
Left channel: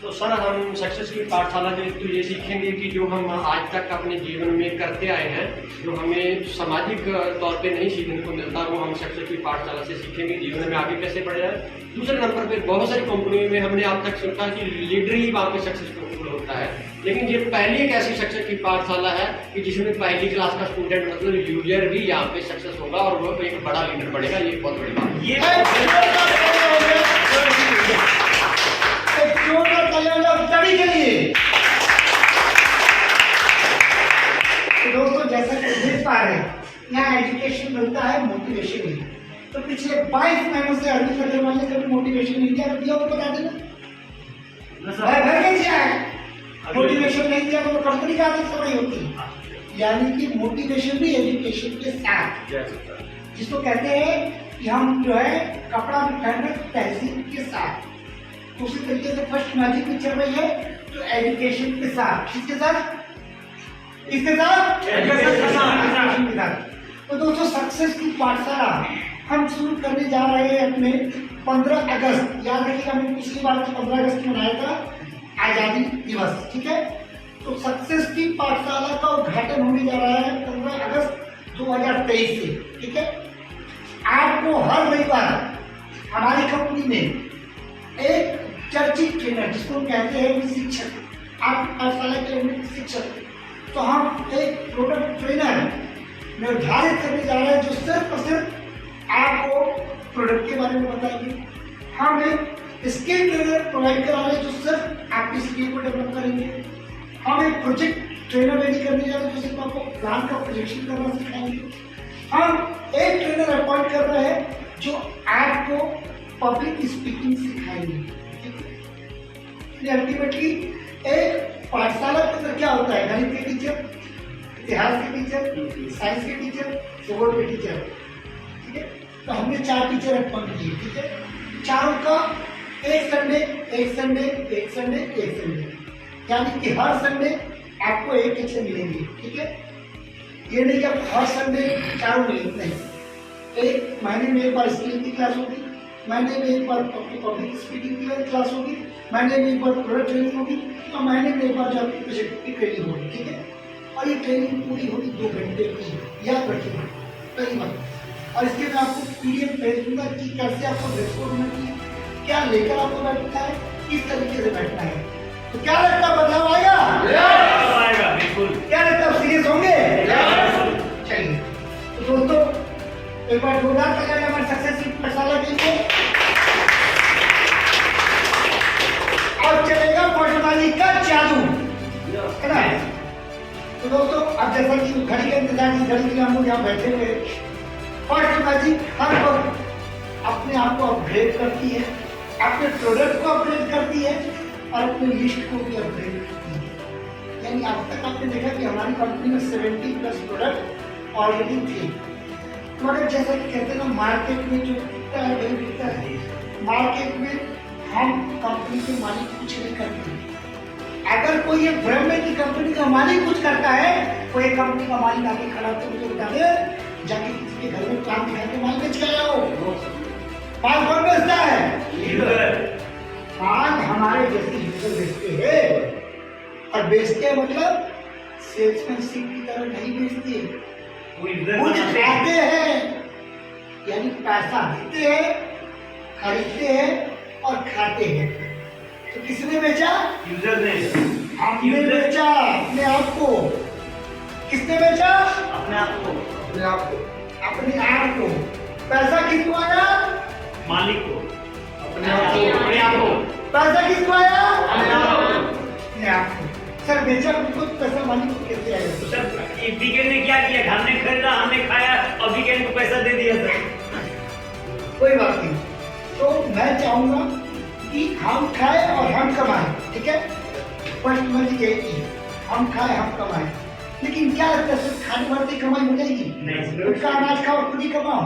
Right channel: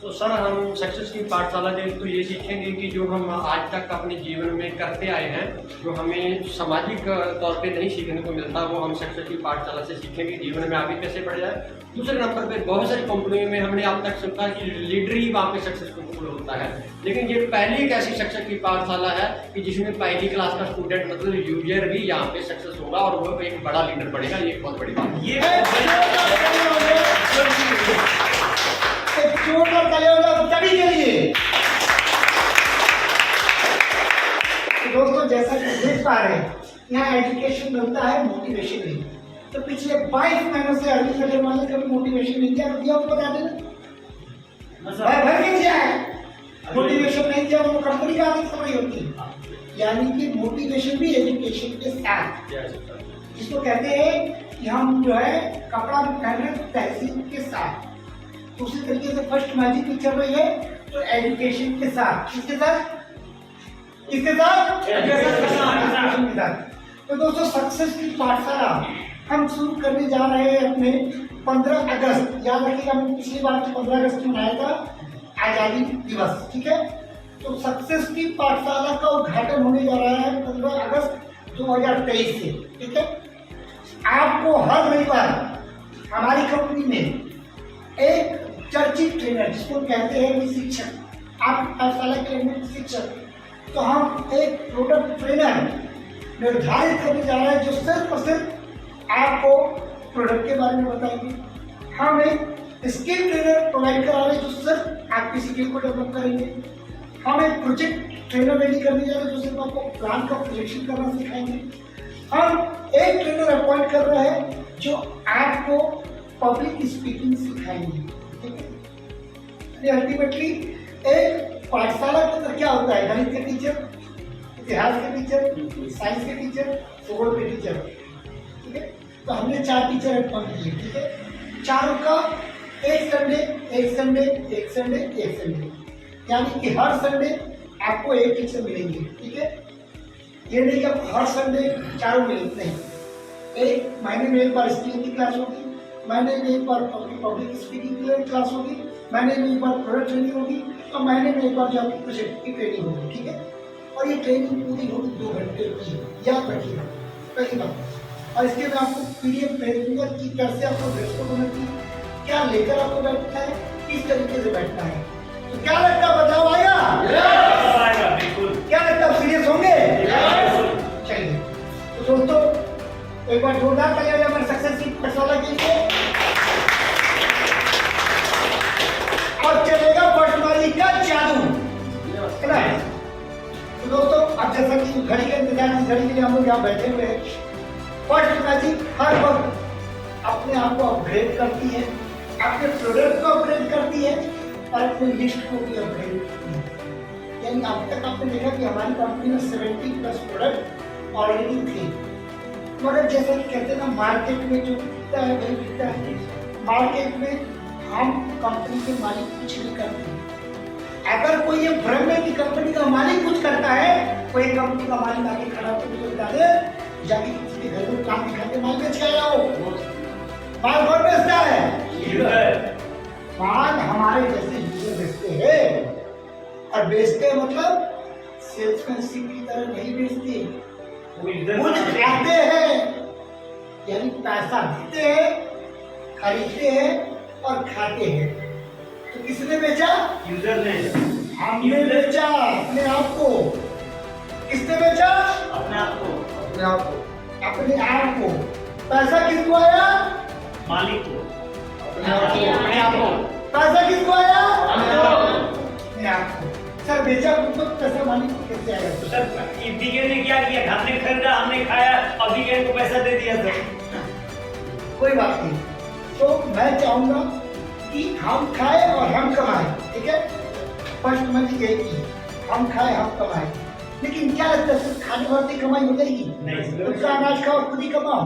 तो सर हम सक्सेस की पाठशाला में तो ये सीखेंगे कि जो हम आज तक अपने जीवन में करते आए हैं, जो हमें सामाजिक तौर पे नहीं सीखने को मिलता, वो हम सक्सेस की पाठशाला से सीखेंगे जीवन में आगे कैसे बढ़े जाए। दूसरे नंबर पे बहुत सारी कंपनियों में हमने अब तक सुना कि लीडर ही वहाँ पे सक्सेसफुल होता है, लेकिन ये पहली एक ऐसी सक्सेस की पाठशाला है कि जिसमें पहली क्लास का स्टूडेंट मतलब यूजर भी यहाँ पे सक्सेस होगा और वो एक बड़ा लीडर बनेगा। ये एक बहुत बड़ी बात है। सभी के लिए तो दोस्तों जैसा कि देख पा रहे हैं यहाँ एजुकेशन मिलता है, मोटिवेशन नहीं। तो पिछले 22 महीनों से अरविंद अग्रवाल ने कभी मोटिवेशन नहीं दिया, दिया वो बता देना भर के दिया है। मोटिवेशन नहीं दिया तो कंपनी का आदत समय होती है। यानी कि मोटिवेशन भी एजुकेशन के साथ, जिसको कहते हैं कि हम जो है कपड़ा भी पहन रहे तहजीब के साथ। तो उसी तरीके से फर्स्ट मैजिक भी चल रही है तो एजुकेशन के साथ, किसके साथ? इसके साथ एजुकेशन के साथ। तो दोस्तों सक्सेस की पाठशाला हम शुरू करने जा रहे हैं अपने 15 अगस्त। याद रखिएगा मैंने पिछली बार 15 अगस्त मनाया था आजादी दिवस, ठीक है। तो सक्सेस की पाठशाला का उद्घाटन होने जा रहा है 15 अगस्त 2023 से, ठीक है। आपको हर रविवार हमारी कंपनी में एक चर्चित ट्रेनर, जिसको कहते हैं कि शिक्षक, आप पाठशाला के लिए शिक्षक, तो हम एक प्रोडक्ट ट्रेनर निर्धारित करने जा रहे हैं जो सिर्फ और सिर्फ आपको प्रोडक्ट के बारे में बताएंगे। हम एक स्किल ट्रेनर प्रोवाइड करा रहे हैं जो सिर्फ आपकी स्किल को डेवलप करेंगे। हम एक प्रोजेक्ट ट्रेनर रेडी करने जा रहे हैं जो सिर्फ आपको प्लान का प्रोजेक्शन करना सिखाएंगे। हम एक ट्रेनर अपॉइंट कर रहे हैं जो आपको पब्लिक स्पीकिंग सिखाएंगे, ठीक है। अल्टीमेटली एक पाठशाला के अंदर क्या होता है? गणित के टीचर, इतिहास के टीचर, साइंस के टीचर, भूगोल के टीचर, ठीक है। तो हमने 4 टीचर अपॉइंट किए, ठीक है। चारों का एक संडे, एक संडे, एक संडे, एक संडे, यानी कि हर संडे आपको एक टीचर मिलेंगे, ठीक है। ये नहीं कि हर संडे चारों मिलेंगे, नहीं। एक महीने में एक बार स्किल की क्लास होगी, महीने में एक बार पब्लिक स्पीकिंग की क्लास होगी, महीने में एक बार प्रोडक्ट ट्रेनिंग होगी और महीने में एक बार जो आपकी प्रोजेक्ट की ट्रेनिंग होगी, ठीक है। और ये ट्रेनिंग पूरी होगी 2 घंटे की, याद रखिएगा पहली बात। और इसके मैं आपको PDF भेज दूंगा कि कैसे आपको रिपोर्ट होना चाहिए, क्या लेकर आपको बैठना है, किस तरीके से बैठना है। तो क्या लगता है बदलाव आएगा? बिल्कुल। क्या लगता है सीरियस होंगे? चलिए तो दोस्तों एक बार जोरदार तालियां हमारे सक्सेस पाठशाला के लिए। अब चलेगा पटवारी का जादू, है ना। तो दोस्तों अब जैसा कि घड़ी का इंतजार की, घड़ी के लिए हम लोग यहाँ बैठे हुए हैं। पटवारी हर वक्त अपने आप को अपग्रेड करती है, अपने प्रोडक्ट को अपग्रेड करती है और अपने लिस्ट को भी अपग्रेड करती है। यानी अब तक आपने देखा कि हमारी कंपनी में 70+ प्रोडक्ट ऑलरेडी थे, मगर जैसा कि कहते हैं ना मार्केट में जो बिकता है वही बिकता है। मार्केट में हम कंपनी के मालिक कुछ नहीं करते। अगर कोई ये भ्रम है कि कंपनी का मालिक कुछ करता है, कोई कंपनी का मालिक आगे खड़ा होकर मुझे बता दे, जाके किसी के घर में काम दिखा के माल बेच के आओ। माल कौन बेचता है? माल हमारे जैसे यूजर बेचते हैं, और बेचते हैं मतलब सेल्समैनशिप की तरह नहीं बेचते, कुछ खाते हैं, यानी पैसा देते हैं, खरीदते हैं और खाते हैं। तो किसने बेचा? यूजर ने। हमने बेचा अपने आप को। किसने बेचा? अपने आप को। अपने आप को। अपने आप को। पैसा किसको आया? मालिक को। अपने आप को। अपने आप को। पैसा किसको आया? अपने आप को। अपने आप को। सर बेचा खुद पैसा मालिक को कैसे आएगा? तो सर वीकेंड ने क्या किया? हमने खरीदा, हमने खाया और वीकेंड को पैसा दे दिया सर। कोई बात नहीं। तो मैं चाहूंगा कि हम खाए और हम कमाएं, ठीक है। फर्स्ट मैजिक यही है, हम खाए हम कमाएं। लेकिन क्या लगता है सिर्फ खाने भर से कमाई हो जाएगी? नहीं। उसका अनाज खाओ खुद ही कमाओ।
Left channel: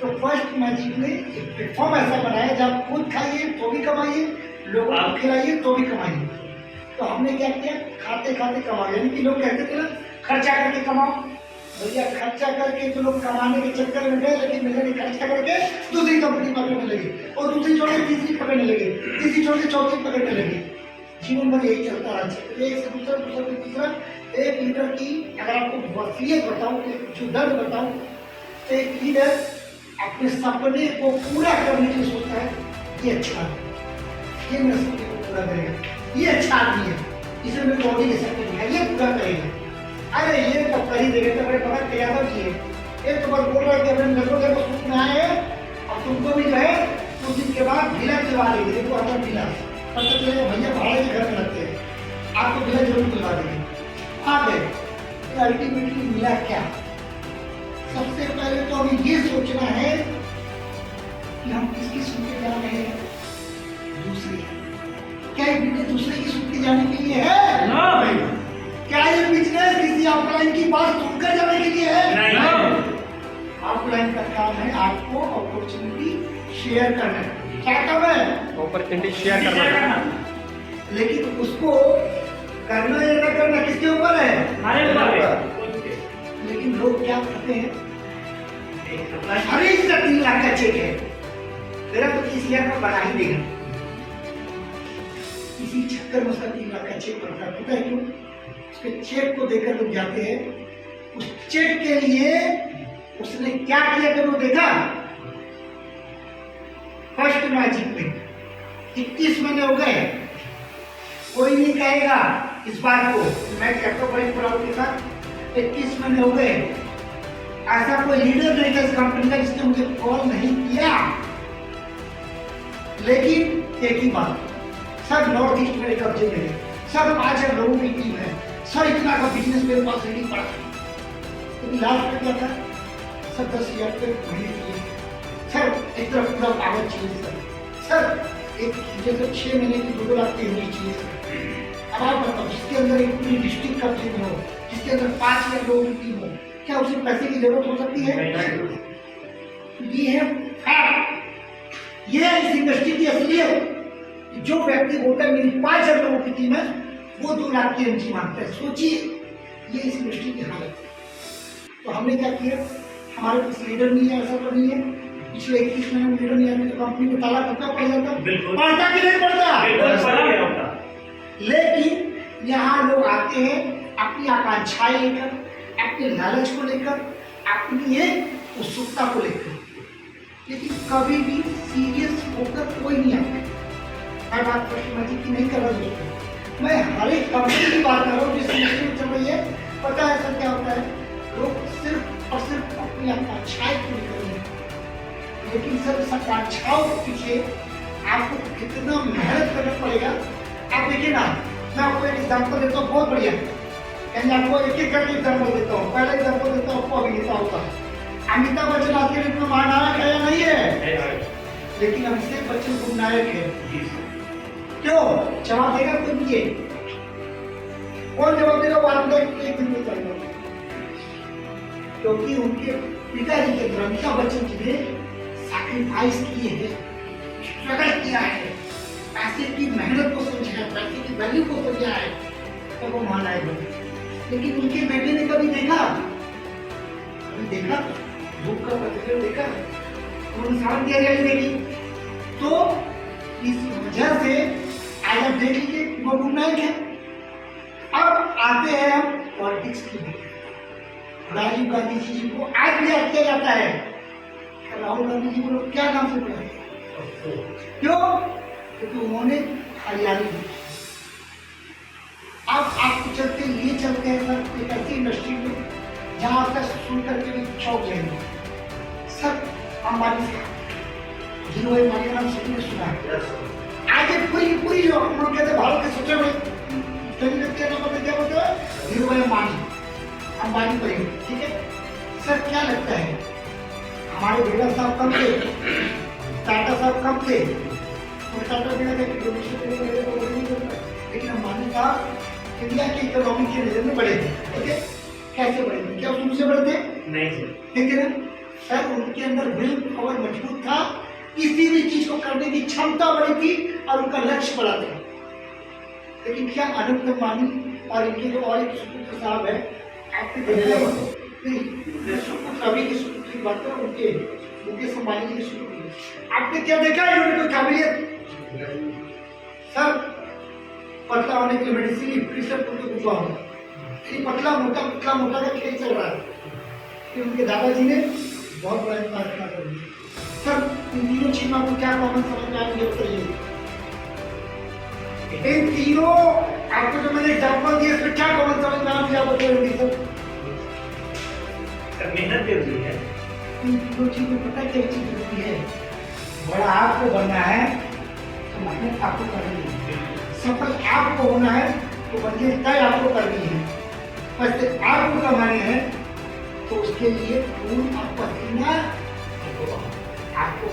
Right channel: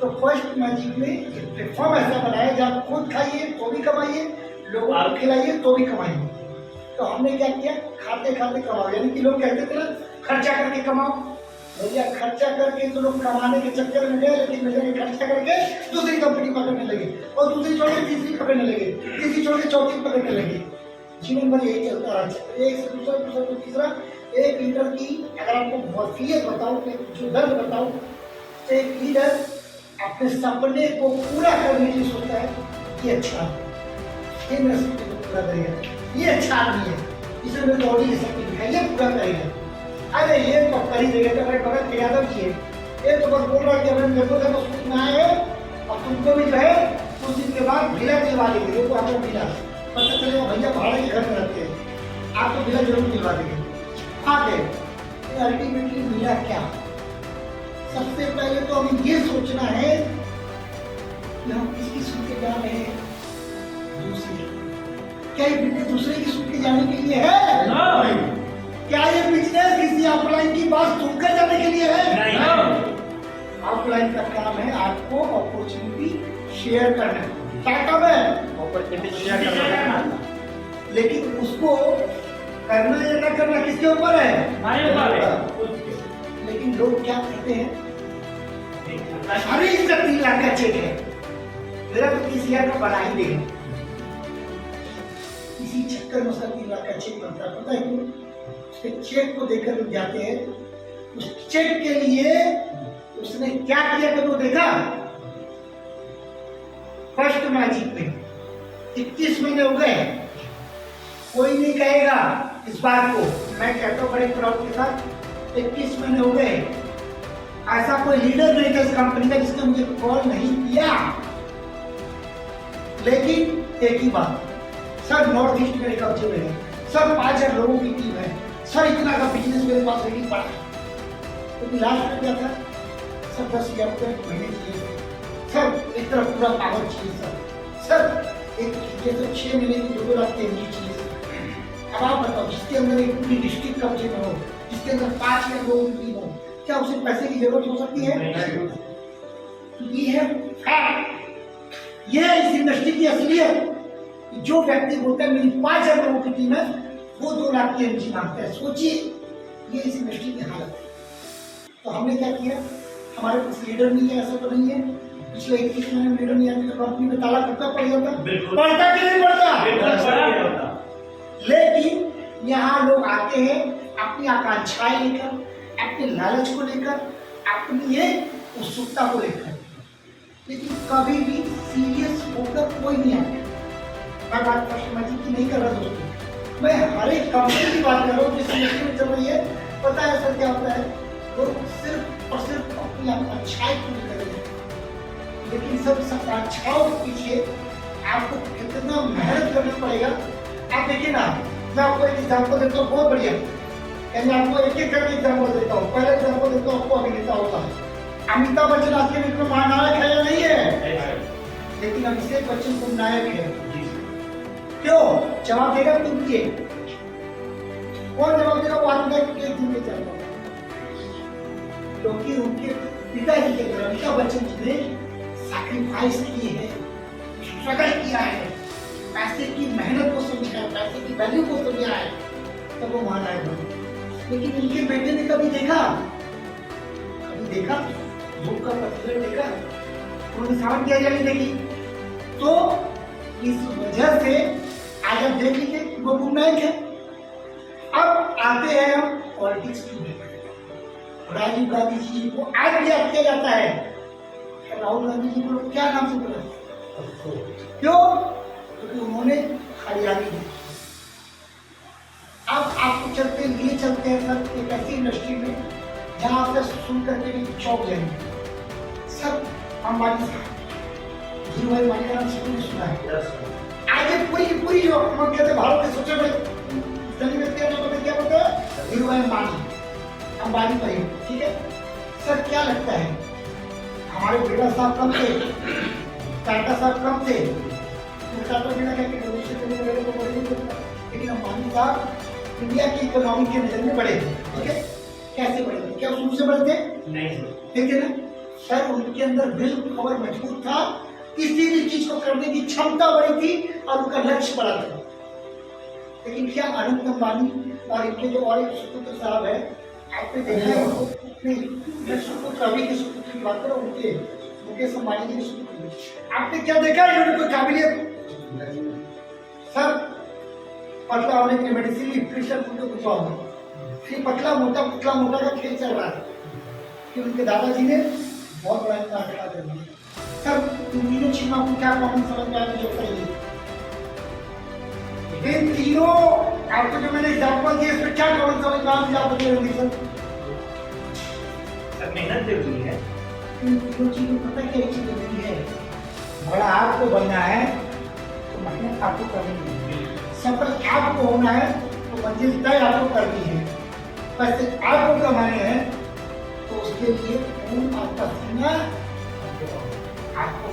तो फर्स्ट मैजिक ने एक प्लेटफॉर्म ऐसा बनाया जहाँ खुद खाइए तो भी कमाइए, लोगों को खिलाइए तो भी कमाइए। तो हमने क्या किया? खाते खाते कमाओ। यानी कि लोग कहते थे ना खर्चा करके कमाओ, भैया खर्चा करके तो लोग कमाने के चक्कर में गए, लेकिन मैंने खर्चा करके दूसरी कंपनी पकड़ने लगे और दूसरी छोड़ के तीसरी पकड़ने लगे, तीसरी छोड़ के चौथी पकड़ने लगे। जीवन भर यही चलता रहा। एक से दूसरा, दूसरा से तीसरा। एक लीडर की अगर आपको वसीयत बताऊं, जो दर्द बताऊं, तो एक लीडर अपने सपने को पूरा करने के लिए सोचता है ये अच्छा है, ये मेरे सपने को पूरा करेगा, ये अच्छा आदमी है, इसे मेरे बॉडी के सपने दिखाई, ये पूरा करेगा। अरे ये तो कर ही देगा, तो बड़े बड़ा क्रियादा भी है। ये तो बस बोल रहा है कि अगर मेरे को देखो सूट में आए अब तुमको भी जो है कुछ दिन के बाद भिला दिलवा देंगे। देखो आपका भिला पता चलेगा भैया भाड़े के घर में रहते हैं, आपको भिला जरूर दिलवा देंगे। आगे अल्टीमेटली मिला क्या? सबसे पहले तो हमें ये सोचना है कि हम किसकी सुन के जा रहे हैं? दूसरे। क्या ये बिजनेस दूसरे की सुन के जाने के लिए है? नहीं। क्या ये बिजनेस किसी अपलाइन की बात सुनकर जाने के लिए है? नहीं। अपलाइन का काम है आपको अपॉर्चुनिटी शेयर करना। क्या काम है? अपॉर्चुनिटी शेयर करना। लेकिन उसको करना या न करना किसके ऊपर है? हमारे ऊपर। लेकिन लोग क्या करते हैं? अरे इसका 3 लाख का चेक है, मेरा तो 30,000 का बना ही देगा। इसी चक्कर में उसका 3 लाख का चेक बनता है। पता है क्यों? उसके चेक को देखकर लोग जाते हैं। उस चेक के लिए उसने क्या किया करो देखा? फर्स्ट मैजिक में 21 महीने हो गए, कोई नहीं कहेगा इस बात को। मैं कहता हूँ बड़े प्राउड के साथ 21 महीने हो गए, ऐसा कोई लीडर नहीं था इस कंपनी का जिसने मुझे कॉल नहीं किया। लेकिन एक ही बात, सर नॉर्थ ईस्ट मेरे कब्जे में है, सर 5,000 लोगों की टीम है, सर इतना का बिजनेस मेरे पास नहीं पड़ा। तो लास्ट में क्या था? सर 10,000 रुपये महीने चाहिए, सर एक तरफ पूरा पावर चाहिए, सर एक जैसे 6 महीने की 2 लाख तैयारी चाहिए। अब आप बताओ, जिसके अंदर एक पूरी डिस्ट्रिक्ट का टीम हो, जिसके अंदर 5,000 लोगों की टीम हो, क्या उसे पैसे की जरूरत हो सकती है? ये है फैक्ट, ये है इस इंडस्ट्री की असलियत। जो व्यक्ति बोलता है मेरी 5,000 लोगों की टीम है, वो 2 लाख की एमजी मांगता है। सोचिए ये इस इंडस्ट्री की हालत। तो हमने क्या किया? हमारे पास लीडर नहीं है, ऐसा तो नहीं है। पिछले 21 महीने में लीडर नहीं आया तो कंपनी में ताला कितना पड़ जाता? पड़ता कि नहीं पड़ता? लेकिन यहाँ लोग आते हैं अपनी आकांक्षाएं लेकर, अपने लालच को लेकर, अपनी एक उत्सुकता को लेकर, लेकिन कभी भी सीरियस होकर कोई नहीं आता। मैं बात कस्टमर की नहीं कर रहा दोस्तों, मैं हर एक कंपनी की बात कर रहा हूँ जिस इंडस्ट्री में चल रही है। पता है सर क्या होता है? लोग सिर्फ और सिर्फ अपनी आकांक्षाएं पूरी करेंगे, लेकिन सब आकांक्षाओं के पीछे आपको कितना मेहनत करना पड़ेगा। आप देखिए ना, मैं आपको एक एग्जाम्पल देता हूँ, बहुत बढ़िया। मैं आपको एक एक करके एग्जाम्पल देता हूँ। पहला एग्जाम्पल देता हूँ आपको अभिनेता होता है। अमिताभ बच्चन आज के डेट में महानायक है या नहीं है? लेकिन अभिषेक बच्चन को नायक है। क्यों? जवाब देगा कोई मुझे? कौन जवाब देगा? वो आपको एक दिन में जाएगा। क्योंकि उनके पिताजी के तरफ अमिताभ बच्चन जी ने सैक्रिफाइस किए हैं, स्ट्रगल किया है, पैसे की मेहनत को समझा है, पैसे की वैल्यू को समझा है, तब वो महानायक बने। लेकिन उनके बेटे ने कभी देखा? कभी देखा? धूप का पत्थर देखा? उन्होंने सावन की हरियाली देखी। तो इस वजह से आज आप देख लीजिए वो गुमनायक है। अब आते हैं हम पॉलिटिक्स की। राजीव गांधी जी को आज भी याद किया जाता है। राहुल गांधी जी को क्या नाम से बुलाया? क्यों? क्योंकि उन्होंने हरियाली दी। अब आपको चलते लिए चलते हैं सर एक ऐसी इंडस्ट्री में जहां से सुन करके भी चौंक जाएंगे। सर अंबानी साहब, धीरूभाई अंबानी का नाम सभी ने सुना है। आज एक पूरी जो हम कहते हैं भारत के सबसे बड़े धनी व्यक्ति क्या बोलते हैं? धीरूभाई अंबानी परिवार, ठीक है। सर क्या लगता है हमारे बिरला साहब कम थे, टाटा साहब कम थे? तो टाटा बिना का लेकिन अंबानी साहब इंडिया की इकोनॉमी के नजर में बड़े थे, ठीक है। कैसे बड़े थे? क्या उनसे बड़े थे? नहीं सर। ठीक है ना सर, उनके अंदर विल पावर मजबूत था, किसी भी चीज को करने की क्षमता बड़ी थी और उनका लक्ष्य बड़ा था। लेकिन क्या अनंत अंबानी और इनके जो और एक सुपुत्र साहब है, आपने देखा नहीं, सुपुत्र अभी के सुपुत्र की बात करो, उनके मुकेश अंबानी जी के सुपुत्र, आपने क्या देखा है इन्होंने कोई काबिलियत? सर पतला होने के लिए मेडिसिन प्रेशर पूरे कुछ हो, ये पतला मोटा का खेल चल रहा है कि उनके दादाजी ने बहुत बड़ा इम्पाक्ट खड़ा कर दिया। सर इन तीनों चीजों को क्या कॉमन समझ में आने जो चाहिए, इन तीनों आपको जो मैंने एग्जाम्पल दिए इसमें क्या कॉमन समझ में आने आप बताएंगे सर? मेहनत जरूरी है। इन तीनों चीजों को पता क्या चीज जरूरी है, बड़ा आपको बनना है तो मेहनत आपको करनी है, सफल आपको होना है तो मंजिल तय आपको करनी है, पैसे आपको कमाने हैं तो उसके लिए खून आपका पसीना आपको